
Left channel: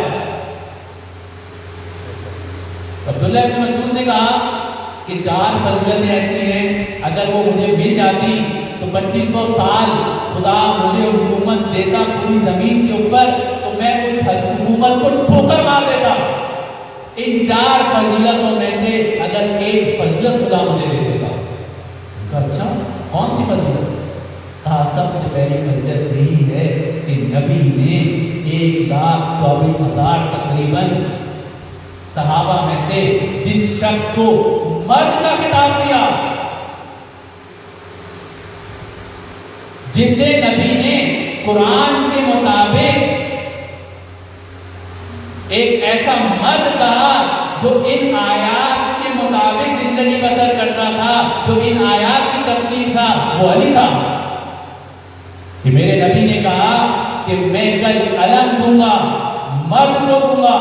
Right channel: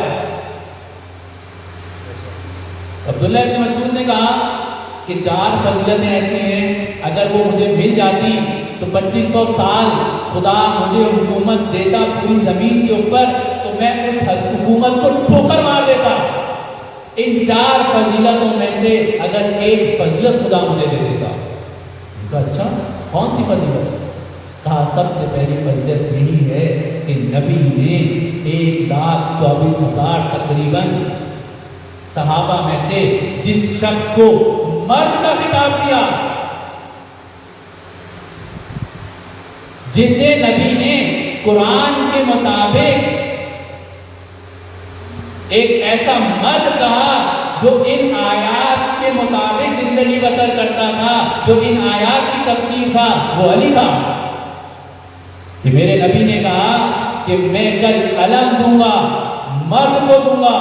عبداللہ ابن مسعود نے کہا کہ 4 فضیلتیں ایسی ہیں اگر وہ مجھے مل جاتی تو 2500 سال خدا مجھے حکومت دیتا پوری زمین کے اوپر، تو میں اس حکومت کو ٹھوکر مار دیتا. ان 4 فضیلتوں میں سے اگر ایک فضیلت خدا مجھے دے دیتا. اچھا کون سی فضیلت؟ کہا سب سے پہلی فضیلت یہی ہے کہ نبی نے 1,24,000 تقریباً صحابہ میں سے جس شخص کو مرد کا خطاب دیا، جسے نبی نے قرآن کے مطابق ایک ایسا مرد کہا جو ان آیات کے مطابق زندگی بسر کرتا تھا، جو ان آیات کی تفسیر تھا، وہ علی تھا. کہ میرے نبی نے کہا کہ میں کل قلم دوں گا، مرد کو دوں گا.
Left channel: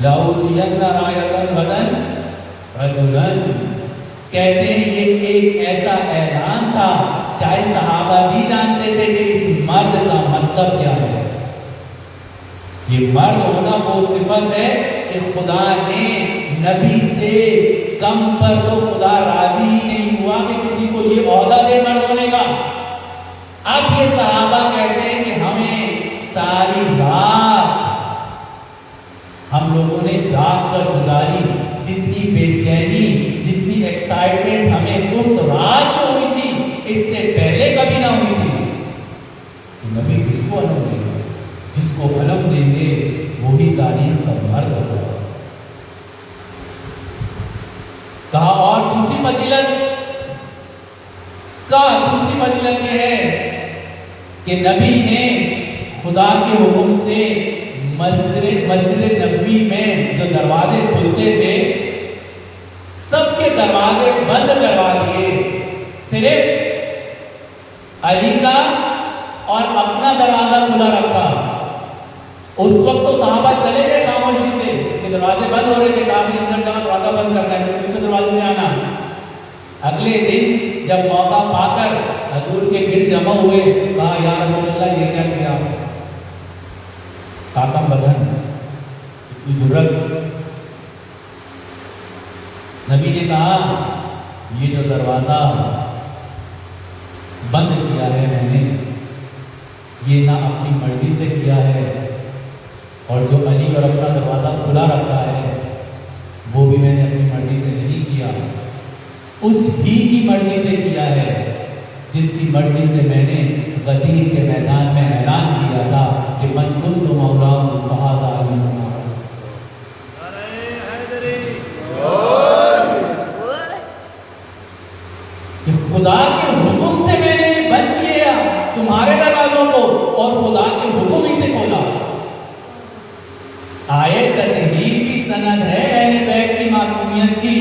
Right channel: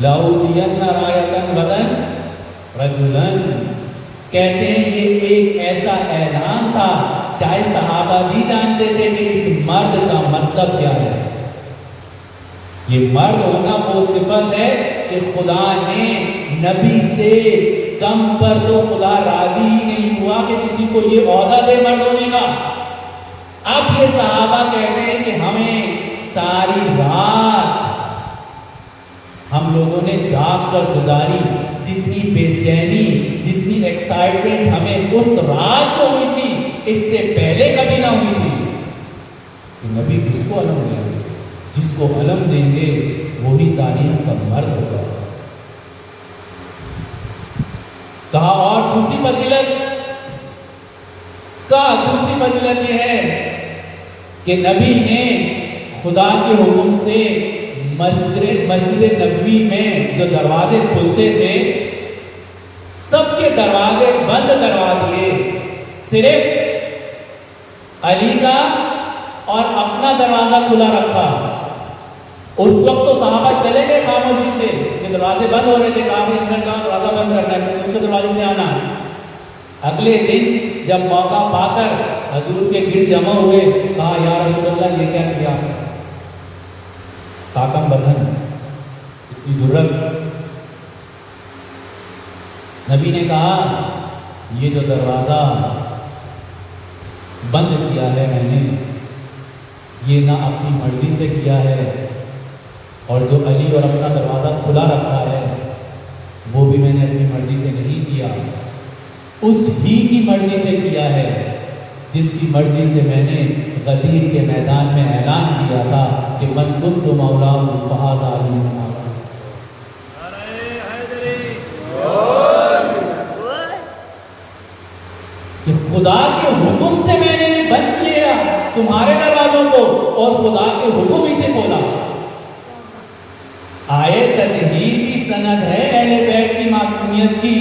لَأُوتِيَنَّ رَايَةً غَدًا رَجُلًا. کہتے ہیں یہ ایک ایسا اعلان تھا، شاید صحابہ بھی جانتے تھے کہ اس مرد کا مطلب کیا ہے. یہ مرد ہونا وہ صفت ہے کہ خدا نے نبی سے کم پر تو خدا راضی ہی نہیں ہوا کہ کسی کو یہ عہدہ دے مرد ہونے کا. اب یہ صحابہ کہتے ہیں کہ ہمیں ساری رات ہم لوگوں نے جاگ کر گزاری، جتنی بے چینی، جتنی ایکسائٹمنٹ ہمیں اس رات کو ہوئی تھی اس سے پہلے کبھی نہ ہوئی تھی. نبی کس کو الگ دے گا؟ کہ نبی نے خدا کے حکم سے مسجد نبوی میں جو دروازے کھلتے تھے سب کے دروازے بند کروا دیے، صرف علی کا اور اپنا دروازہ کھلا رکھا۔ اس وقت تو صحابہ چلے گئے خاموشی سے، دروازے بند ہو رہے تھے، کافی اندر کا دروازہ بند کر رہے تھے، دوسرے دروازے سے آنا۔ اگلے دن جب موقع پا کر حضور کے گرد جمع ہوئے، کہا یا رسول اللہ یہ کیا کیا؟ کاکا بدن اتنی جرأت۔ نبی نے کہا یہ جو دروازہ بند کیا ہے میں نے، یہ نہ اپنی مرضی سے کیا ہے، اور جو علی اور اپنا دروازہ کھلا رکھا ہے وہ بھی میں نے اپنی مرضی سے نہیں کیا، اس بھی کی مرضی سے کیا ہے جس کی مرضی سے میں نے غدیر کے میدان میں اعلان کیا تھا کہ من کنت مولا فہذا علی۔ کہ خدا کے حکم سے میں نے بند کیا تمہارے دروازوں کو، اور خدا کے حکم ہی سے کھولا۔ آیت تطہیر کی سند ہے اہل بیت کی معصومیت کی،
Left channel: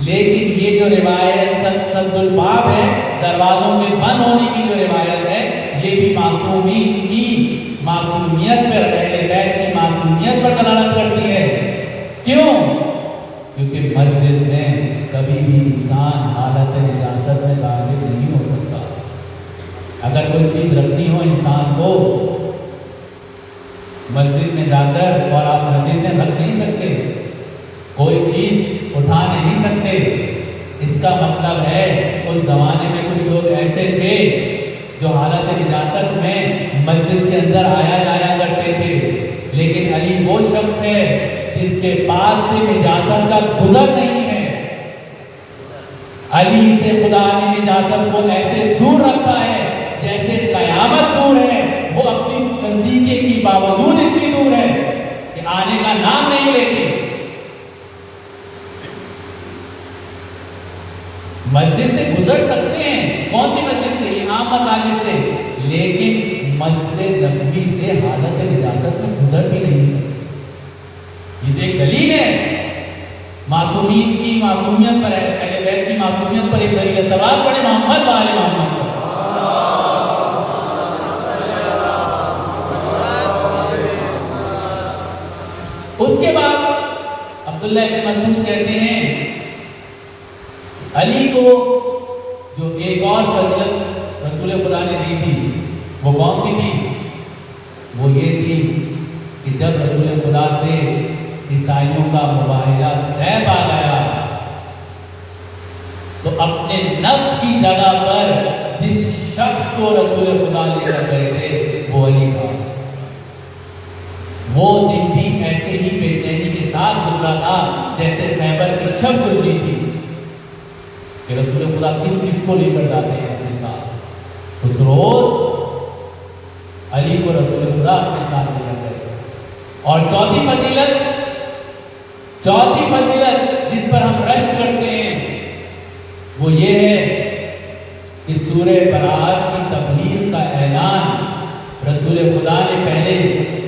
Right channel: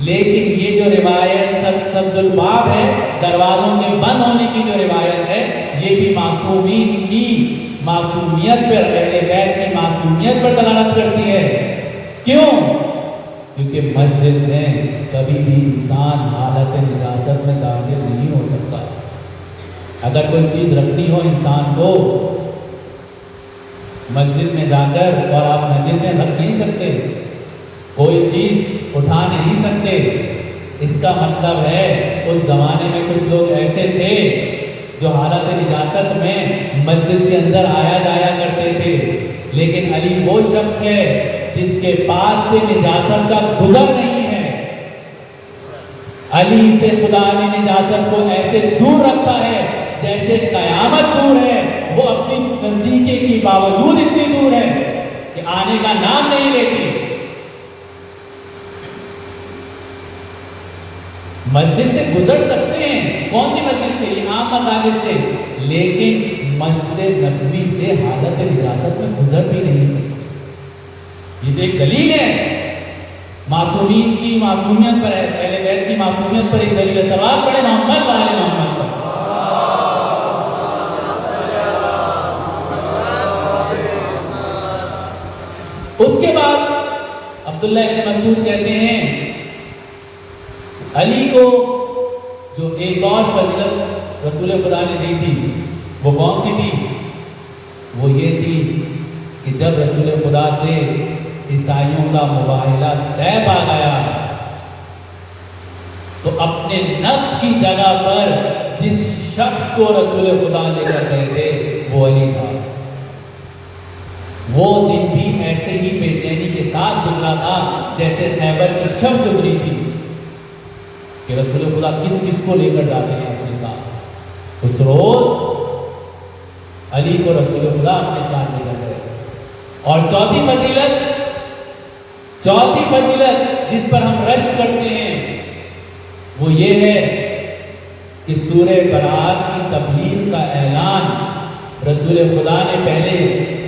لیکن یہ جو روایت سد الباب ہے، دروازوں کے بند ہونے کی جو روایت ہے، یہ بھی معصومین کی معصومیت پر، اہل بیت کی معصومیت پر دلالت کرتی ہے۔ کیوں؟ کیونکہ مسجد میں کبھی بھی انسان حالت نجاست میں داخل نہیں ہو سکتا۔ اگر کوئی چیز رکھنی ہو انسان کو مسجد میں جا کر، اور آپ نجیسیں رکھ نہیں سکتے، کوئی چیز اٹھا نہیں سکتے، اس کا مطلب ہے اس زمانے میں کچھ لوگ ایسے تھے جو حالت نجاست میں مسجد کے اندر آیا جایا کرتے تھے، لیکن علی وہ شخص ہے جس کے پاس سے نجاست کا گزر نہیں ہے۔ علی سے خدا نے نجاست کو ایسے دور رکھا ہے جیسے قیامت دور ہے، وہ اپنی نزدیکی کے باوجود اتنی دور ہے کہ آنے کا نام نہیں لیتے۔ مسجد سے گزر سکتے ہیں، کون سی مسجد سے؟ یہ عام مساجد سے، لیکن مسجد نبوی سے حالت نجاست میں گزر بھی نہیں سکتے۔ یہ ایک دلیل ہے معصومین کی معصومیت پر ہے، اہل بیت کی معصومیت پر ایک دلیل ہے۔ سوال پڑھے محمد و آل محمد۔ اس کے بعد عبداللہ ابن مسعود کہتے ہیں علی کو جو ایک اور فضیلت رسول خدا نے دی تھی وہ کون سی تھی؟ وہ یہ تھی کہ جب رسول خدا سے عیسائیوں کا مباہلہ طے پا گیا تو اپنے نفس کی جگہ پر جس شخص کو رسول خدا لے کر گئے تھے وہ علی تھا۔ وہ دن بھی ایسے ہی بے چینی کے ساتھ گزرا تھا جیسے خیبر کی شب گزری تھی کہ رسول خدا کس کو لے کر جاتے ہیں اپنے ساتھ۔ اس روز علی کو رسول خدا اپنے ساتھ لے کر گئے۔ اور چوتھی فضیلت جس پر ہم رشک کرتے ہیں وہ یہ ہے کہ سورہ برات کی تبلیغ کا اعلان رسول خدا نے پہلے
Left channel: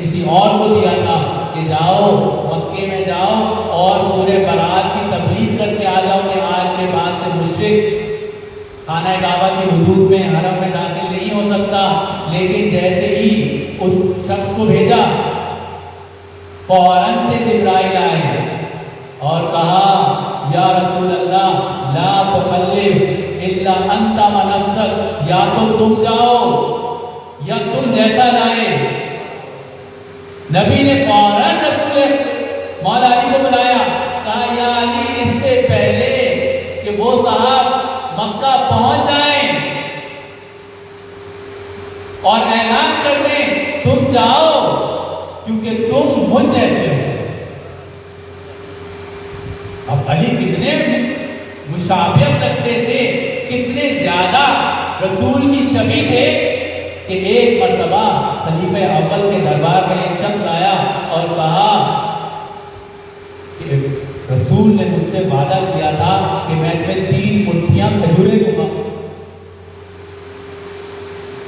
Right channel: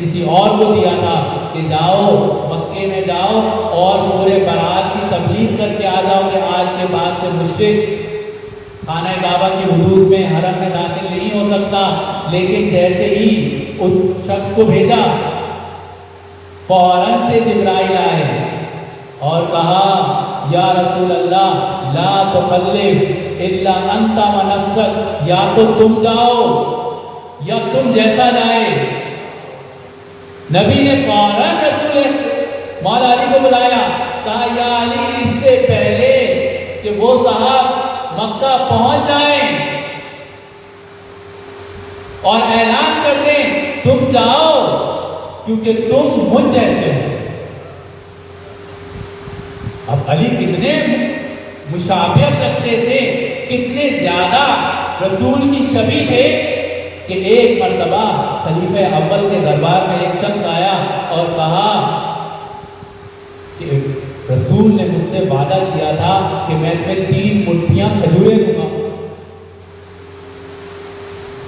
کسی اور کو دیا تھا کہ جاؤ مکے میں جاؤ اور سورہ برات کی تبلیغ کر کے آ جاؤ کہ آج کے بعد سے مشرک خانہ کعبہ کے حدود میں حرم میں داخل نہیں ہو سکتا۔ لیکن جیسے ہی اس شخص کو بھیجا فوراً سے جبرائیل آئے اور کہا یا رسول اللہ لا تبلغ الا انت ونفسک، یا تو تم جاؤ یا تم جیسا جائے۔ نبی نے فوراً رسول مولا علی کو بلایا، کہا یا علی اس سے پہلے کہ وہ صاحب مکہ پہنچ جائیں اور اعلان کر دیں تم جاؤ کیونکہ تم مجھ جیسے ہو۔ اب علی کتنے مشابہت کرتے تھے، کتنے زیادہ رسول کی شبیہ تھے کہ ایک مرتبہ خلیفہ اول کے دربار میں ایک شخص آیا اور کہا کہ رسول نے مجھ سے وعدہ کیا تھا کہ میں تمہیں 3 مٹھیاں کھجوریں دوں گا۔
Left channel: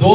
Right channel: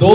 2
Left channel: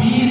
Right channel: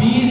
20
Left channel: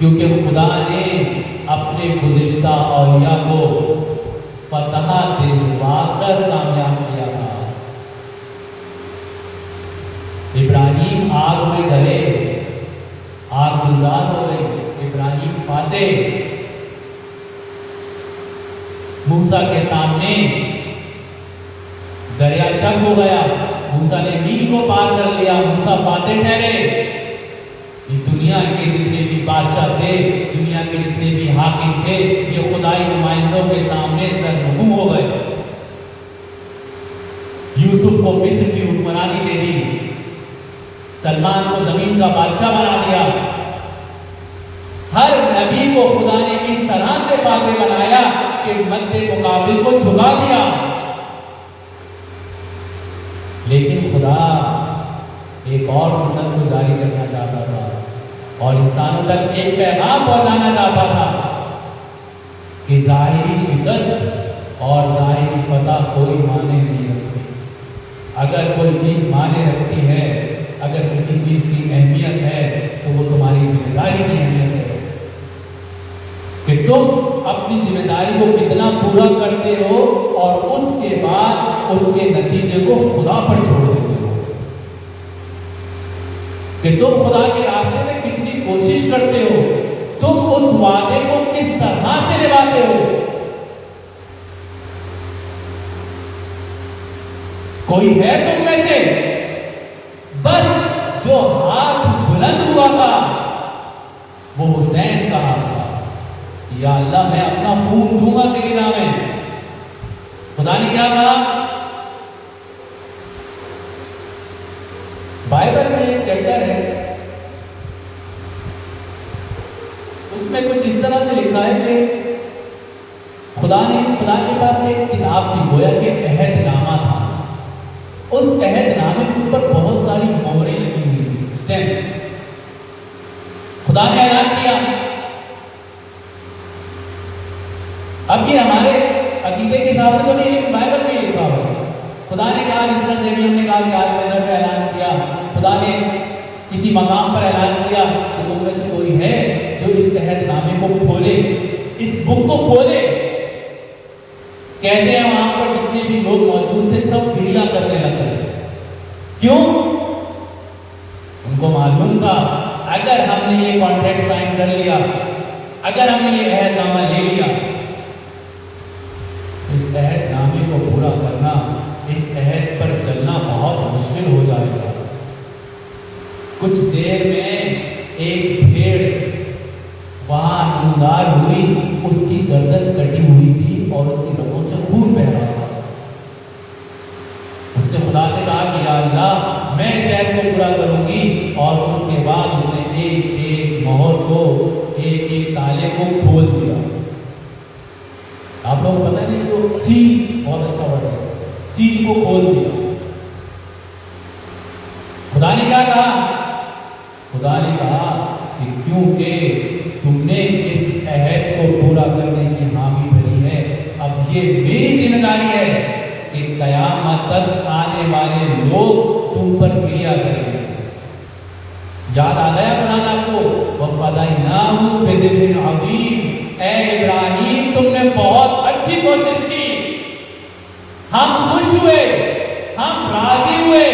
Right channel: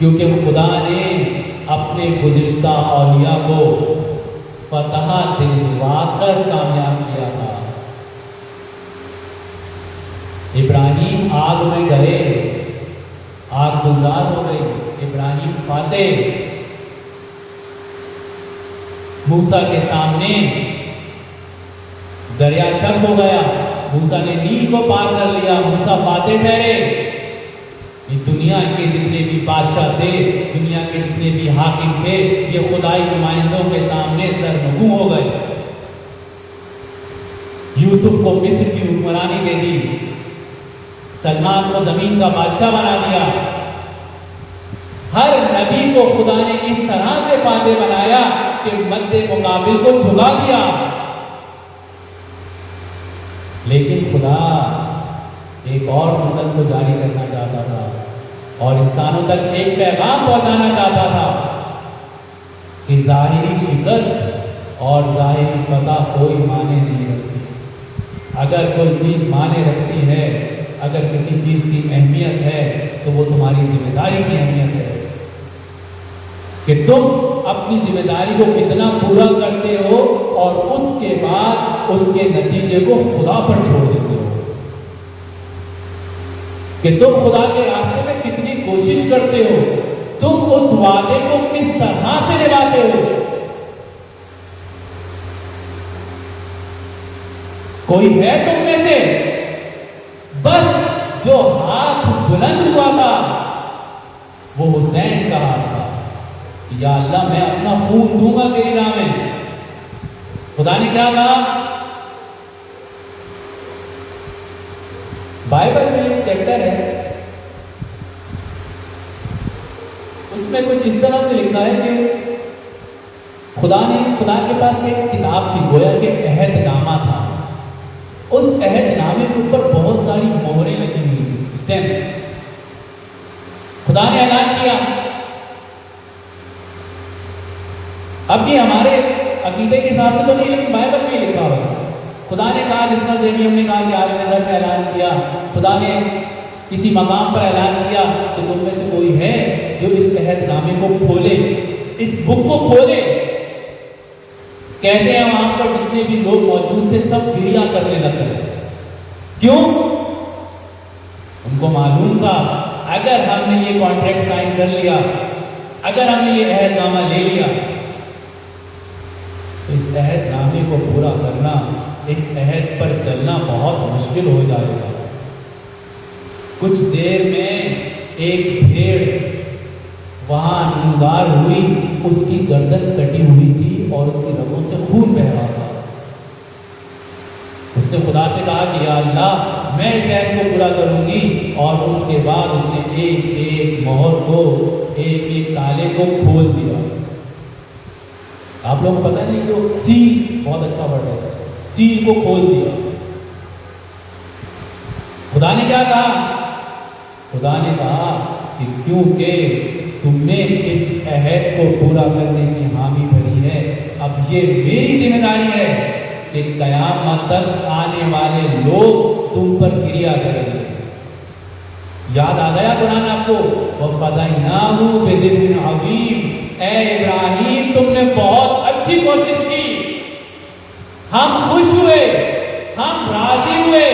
کیونکہ خدا نے اپنے گزشتہ اولیاء کو فتح دلوا کر کامیاب کیا تھا۔ ابراہیم آگ میں ڈلے، آگ گلزار ہو گئی، ابراہیم فاتح۔ موسیٰ کے سامنے دریا شق ہو گیا، موسیٰ نے نیل کو پار کر لیا، موسیٰ فاتح ٹھہرے۔ یہ دنیا کے جتنے بھی بادشاہ تھے، دنیا کے جتنے بھی حاکم تھے، یہ خدائی نمائندوں کے سامنے سرنگو ہو گئے۔ یوسف کو مصر کی حکمرانی دے دی، سلمان کو زمین کا بادشاہ بنا دیا۔ ہر نبی کو خدا نے اس طرح سے فاتح بنایا کہ مد مقابل کو جھکا دیا۔ لیکن خدا ایک اور سنت کو جاری کرنا چاہتا تھا اور انسانوں تک ایک پیغام پہنچانا چاہتا تھا کہ ظاہری شکست اور ظاہری فتح کوئی معنی نہیں رکھتی۔ اگر کوئی چیز معنی رکھتی ہے، اگر کسی چیز کی اہمیت ہے، تو وہ تمہاری ذمہ داری کی اہمیت ہے کہ تم اپنی ذمہ داری کو کتنا پورا کرتے ہو اور اس کے بعد اس کے نتیجے کو خدا پر چھوڑ دیتے ہو، کہ تم خدا کے راستے میں کتنی کوشش کرتے ہو، تم اس وعدے کو کس طرح سے نبھاتے ہو۔ کوئی ہے تم میں سے بس جو ہاتھ بلند ہوا تھا وہ حسین کا تھا، یا اللہ میں اپنا خون دوں گا تیری نام میں۔ خدا نے کیا کہا؟ بائبل میں ایک چیپٹر ہے، اس میں کچھ اس طرح سے لکھا ہے کہ خدا کے پاس ایک کتاب تھی، گویا کہ عہد نامہ تھا۔ اس عہد نامے کے اوپر بہت ساری مہریں لگی ہوئی، اسٹیمپس۔ خدا نے اعلان کیا، اب بھی ہمارے عقیدے کے ساتھ تو نہیں، لیکن بائبل میں لکھا ہوا ہے۔ خدا نے کہا، جس طرح سے ہم نے کہا کہ عالم نظر میں اعلان کیا، خدا نے کسی مقام پر اعلان کیا کہ تم میں سے کوئی ہے جو اس عہد نامے کو کھولے، اس بک کو کھولے۔ کہتے ہیں وہاں پر جتنے بھی لوگ موجود تھے سب گریہ کرنے لگے۔ کیوں؟ ان کو معلوم تھا اگر ہم نے یہ کانٹریکٹ سائن کر لیا، اگر ہم نے یہ عہد نامہ لے لیا، اس عہد نامے کو پورا کرنا، اس عہد پر چلنا بہت مشکل ہو جائے گا۔ کچھ دیر میں ایک بھیڑ وہاں نمودار ہوئی، اس کی گردن کٹی ہوئی تھی اور اس کی رگوں سے خون بہ رہا تھا۔ اس نے خدا سے کہا کہ یا اللہ میں اس عہد کو پورا کروں گی، اور اس کے بعد اس نے ایک ایک مہر کو، ایک ایک تالے کو کھول دیا۔ آپ لوگوں کو پتہ نہیں کہ سیل بہت اچھا ورڈ ہے، سیل کو کھول دیا۔ خدا نے کیا کہا؟ خدا نے کہا کہ کیونکہ تم نے اس عہد کو پورا کرنے کی حامی بھری ہے، اب یہ میری ذمہ داری ہے کہ قیامت تک آنے والے لوگ تم پر گریہ کریں گے۔ یاد آ گیا قرآن آپ کو؟ وَفَدَيْنَاهُ بِذِبْحٍ عَظِيمٍ، اے ابراہیم تم نے بہت اچھی کوشش کی، ہم خوش ہوئے، ہم راضی ہوئے،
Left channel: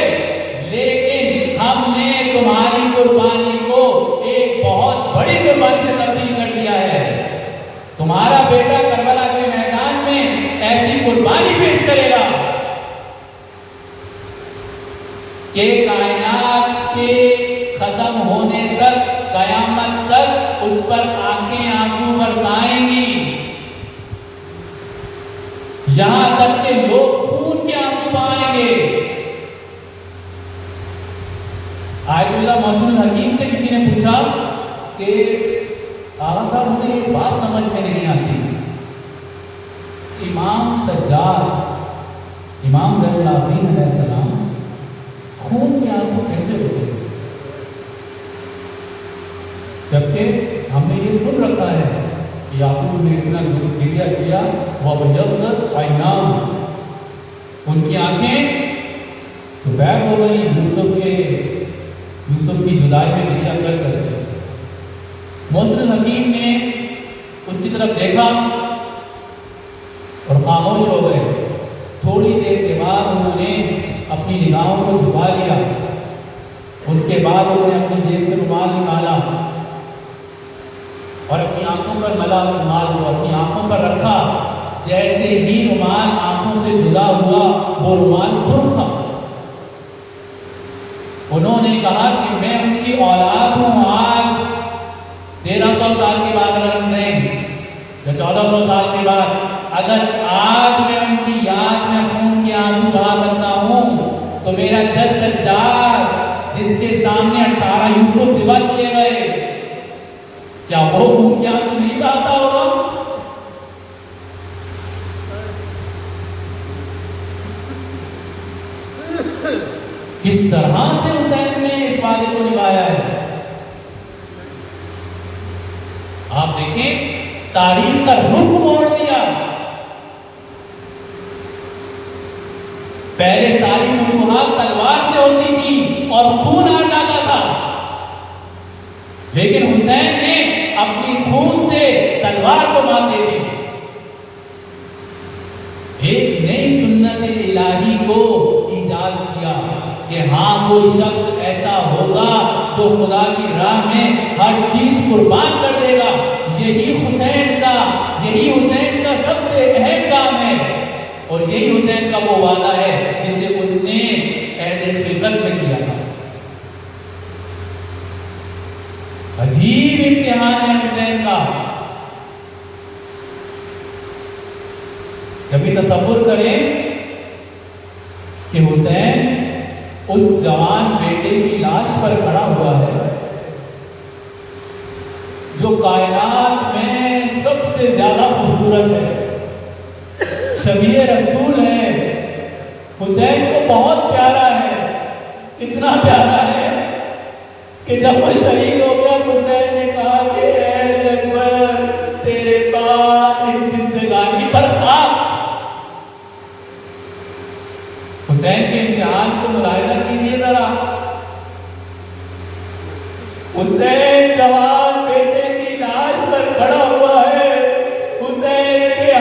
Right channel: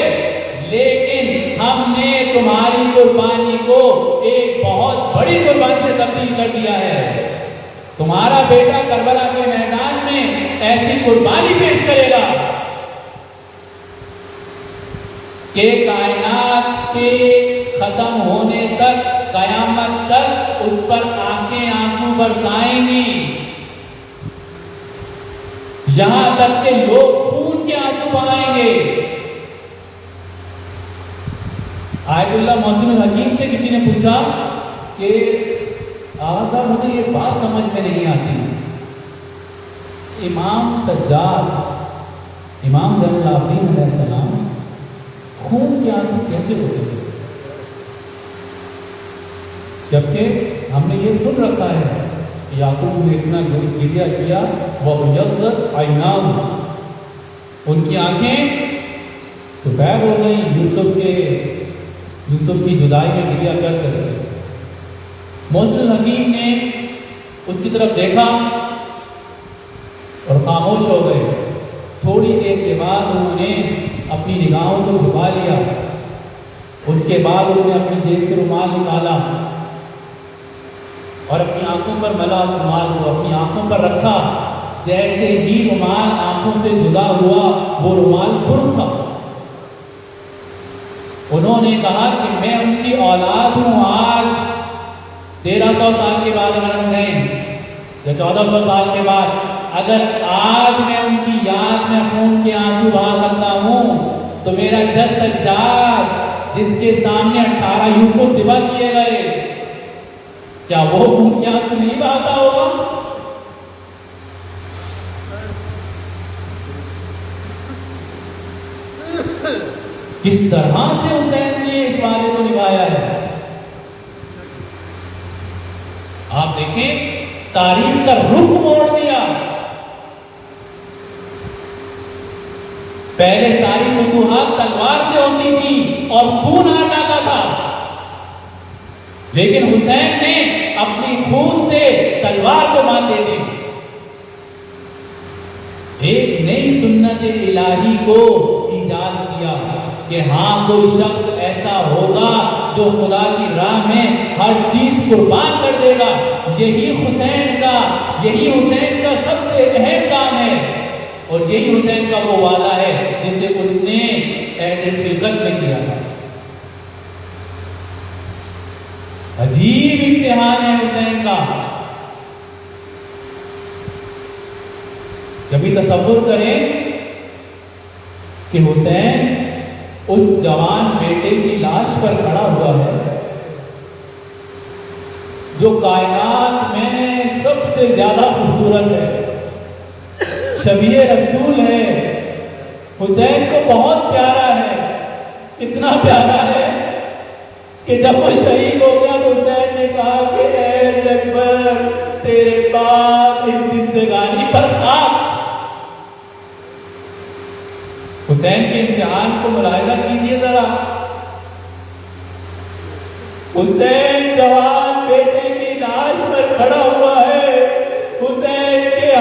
لیکن ہم نے تمہاری قربانی کو ایک بہت بڑی قربانی سے تبدیل کر دیا ہے۔ تمہارا بیٹا کربلا کے میدان میں ایسی قربانی پیش کرے گا کہ کائنات کے ختم ہونے تک، قیامت تک اس پر آنکھیں آنسو برسائیں گی، یہاں تک کہ لوگ خون کے آنسو بہائیں گے۔ آیت اللہ محسن الحکیم سے کسی نے پوچھا کہ آغا صاحب مجھے یہ بات سمجھ میں نہیں آتی، امام سجاد، امام زین العابدین علیہ السلام خون کے آنسو کیسے ہوتے ہیں، جبکہ ہم نے یہ سن رکھا ہے کہ یعقوب نے اتنا گریہ کیا، وَبَيَضَّتْ عَيْنَاهُ، ان کی آنکھیں سفید ہو گئی یوسف کی جدائی میں گریہ کر کر۔ محسن 1300 سال کے بعد اگر ہم گئیں یا 1400 سال کے بعد، اگر آج میں ان کی یاد میں خون کے آنسو بہا سکتا ہوں تو میرا جج سجاد جس کے سامنے 18 یوسف ذبح کیے گئے، کیا وہ خون کے آنسو نہیں بہاتا ہوگا؟ کس طرح سے حسین نے اس وعدے کو نبھایا ہے؟ آپ دیکھیں تاریخ کا رخ موڑ دیا۔ پہلے ساری فتوحات تلوار سے ہوتی تھی اور خون آ جاتا تھا، لیکن حسین نے اپنی خون سے تلوار کو مات دے دی۔ ایک نئی سنت الہی کو ایجاد کیا کہ ہاں کوئی شخص ایسا ہوگا جو خدا کی راہ میں ہر چیز قربان کر دے گا۔ یہی حسین کا سب سے اہم کام ہے، اور یہی حسین کا وہ وعدہ ہے جسے اس نے عہد خلقت میں کیا۔ عجیب امتحان ہے حسین کا۔ کبھی تصور کریں کہ حسین اس جوان بیٹے کی لاش پر کھڑا ہوا ہے جو کائنات میں سب سے زیادہ خوبصورت ہے، شبیہ رسول ہے، حسین کو بہت پیارا ہے، اتنا پیارا ہے کہ جب وہ شہید ہو گیا حسین نے کہا کہ اے اکبر تیرے باپ اس زندگانی پر خاک۔ حسین کے امتحان کو ملاحظہ کیجیے ذرا۔ حسین جوان بیٹے کی لاش پر کھڑا ہوا ہے، حسین کے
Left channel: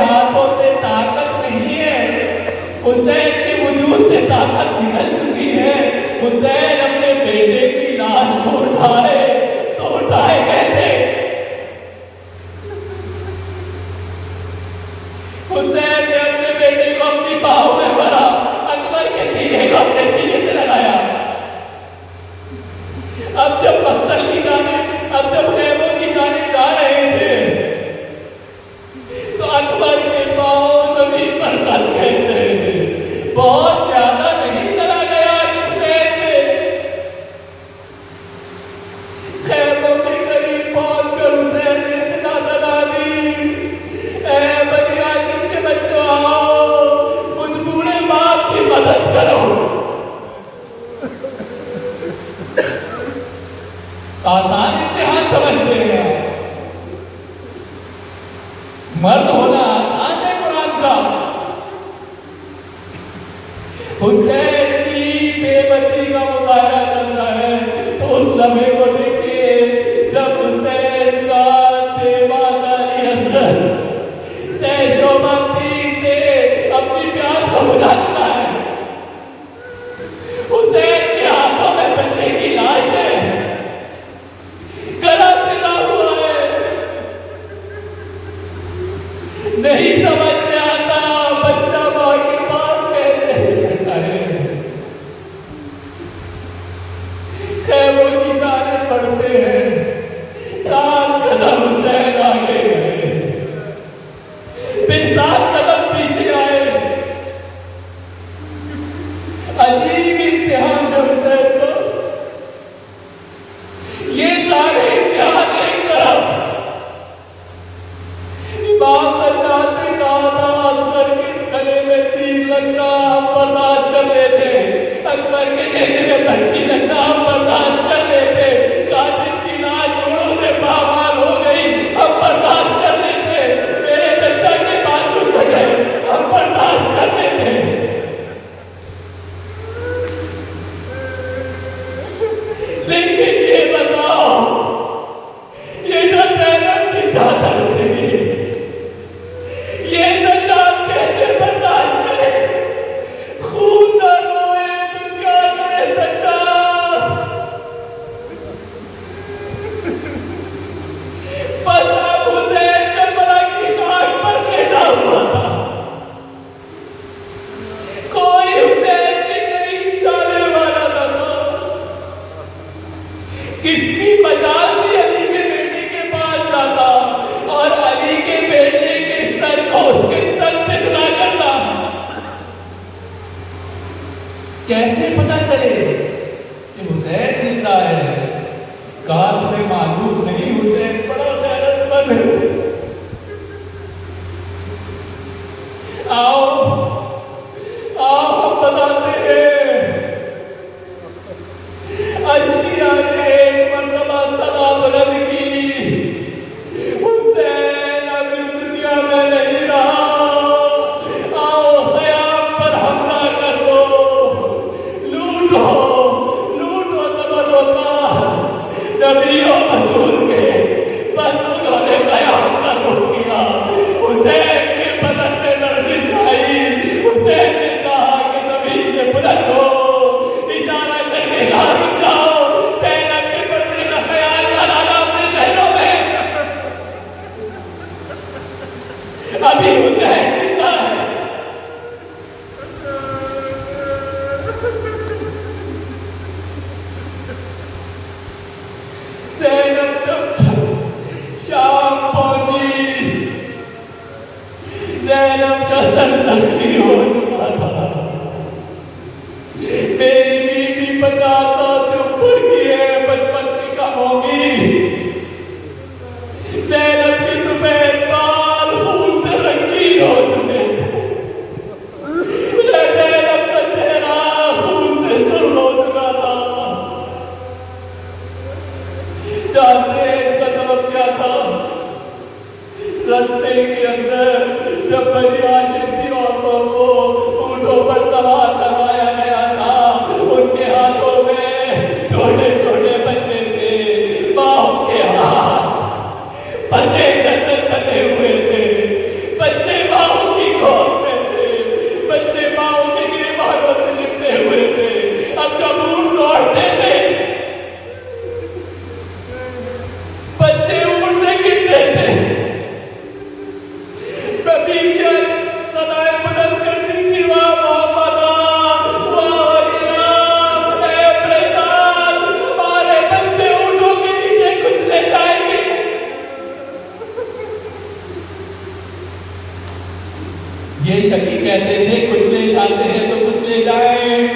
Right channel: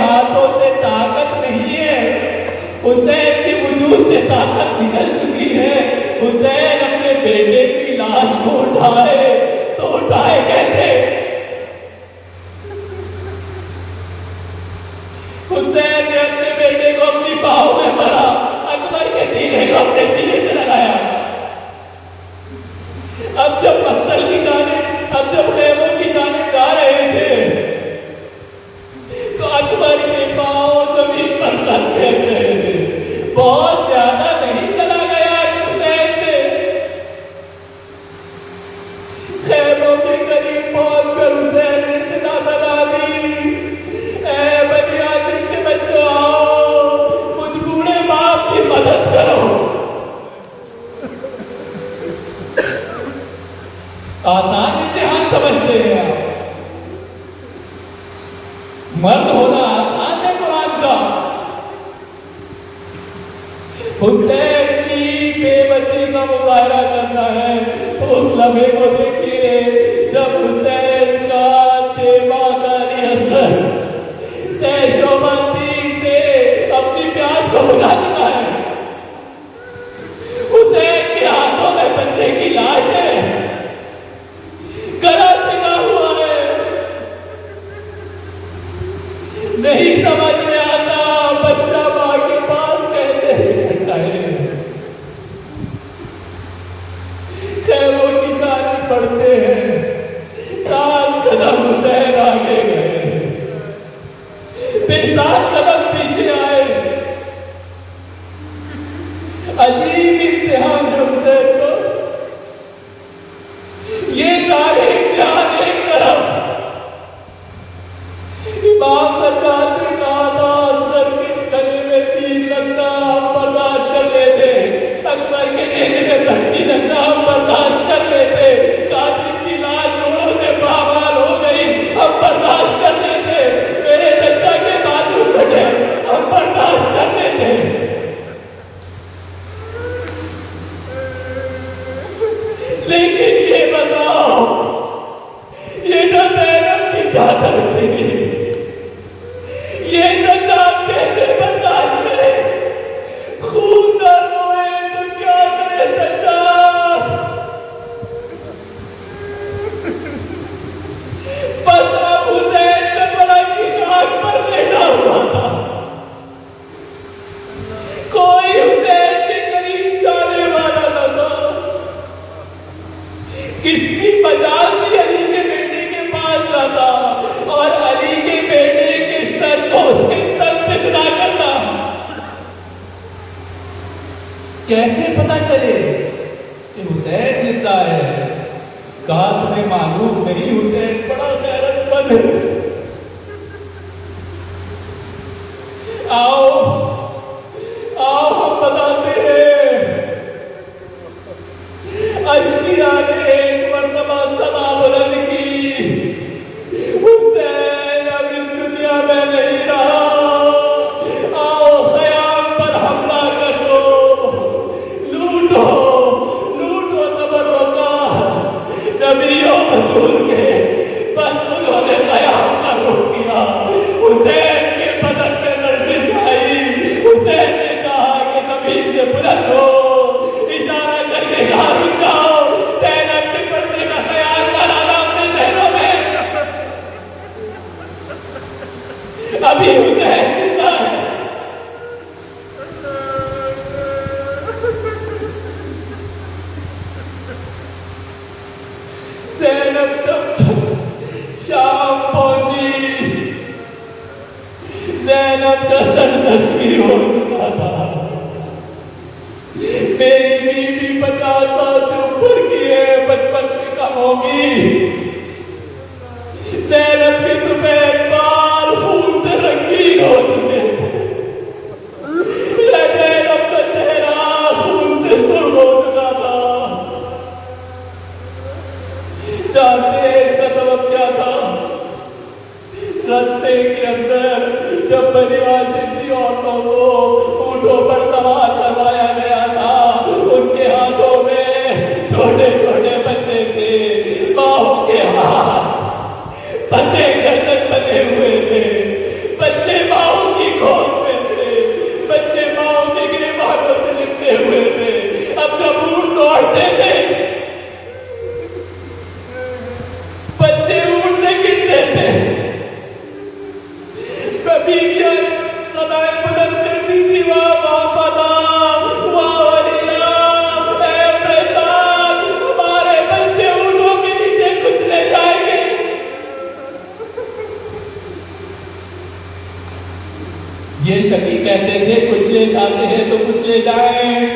یہ شکی کہتے تھے کچھ لے جاتے ہیں تو کچھ لے جائیں،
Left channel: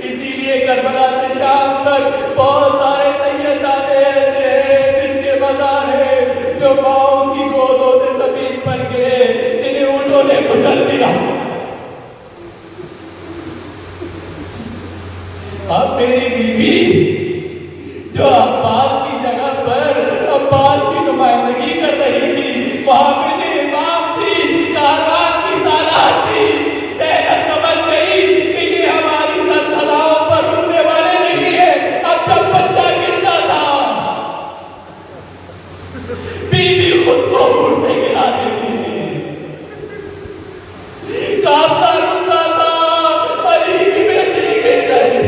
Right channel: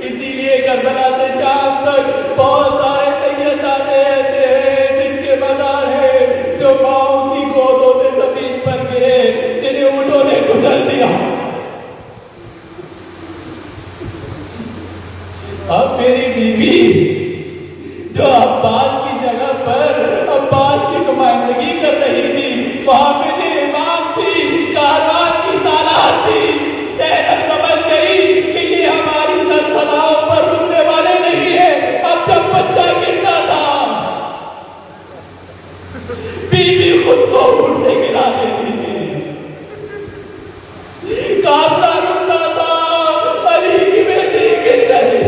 اسی لیے کربلا سے شام تک بہت سارے سیدزادے ایسے ہیں جن کے مزار ہیں جو پاؤں کی گودوں سے زمین پر گرے، جنہیں اونٹوں نے کچل دیا۔ اب میری بیوی جو عباس کی جگہ پر عباس کی نمائندگی کر رہی تھی، وہ حافظ امام تھی، کاروان کی سالار تھی، زینب سمجھ گئی کہ یہ ہماری سرسداؤں پر رکنے والے نہیں ہیں۔ اب جب بچہ گرتا تھا بیوی خود کو اونٹ سے گرا دیتی تھی، قافلہ رکتا تھا، علی کی بیٹی گر گئی،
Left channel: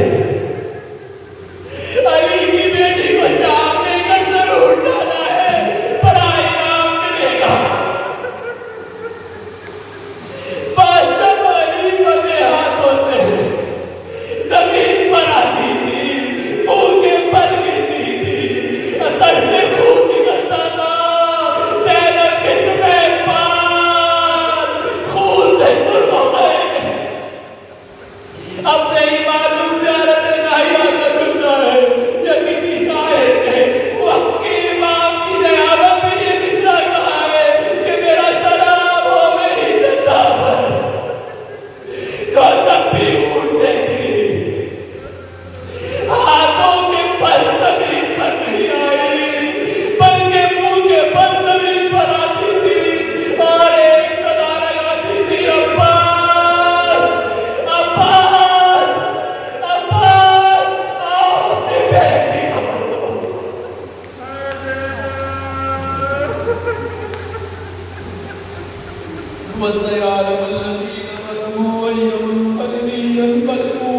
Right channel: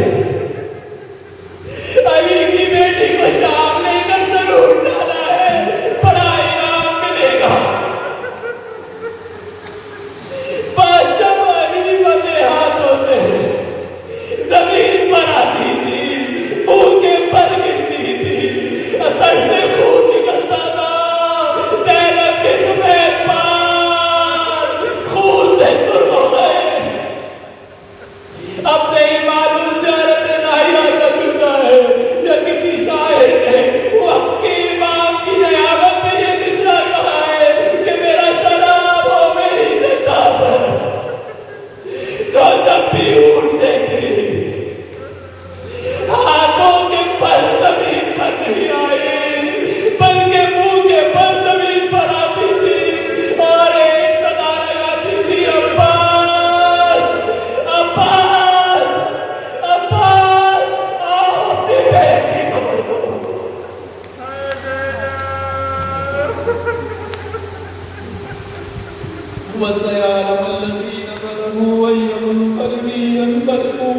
علی کی بیٹی کو شام لے کر ضرور جانا ہے، بڑا انعام ملے گا۔ بس جب علی بندے ہاتھوں سے زمین پر آتی تھی، منہ کے بل گرتی تھی، سر سے خون نکلتا تھا، زینب کے سفید بال خون سے سرخ ہو گئے۔ اب نہیں معلوم زیارت ناحیہ کا رکنا ہے یا کسی شاعر نے وقت کے امام کی نیابت میں یہ مصرع کہا ہے کہ میرا سلام ہو میری جدہ پر، جو جب بھی اونٹ سے گری ہاتھوں کے بل زمین پر نہیں آئی بلکہ منہ کے بل زمین پر آتی تھی اور ایک صدا لگاتی تھی، عباس عباس عباس، آؤ اپنی بیٹی کو پکڑو۔ وسيعلم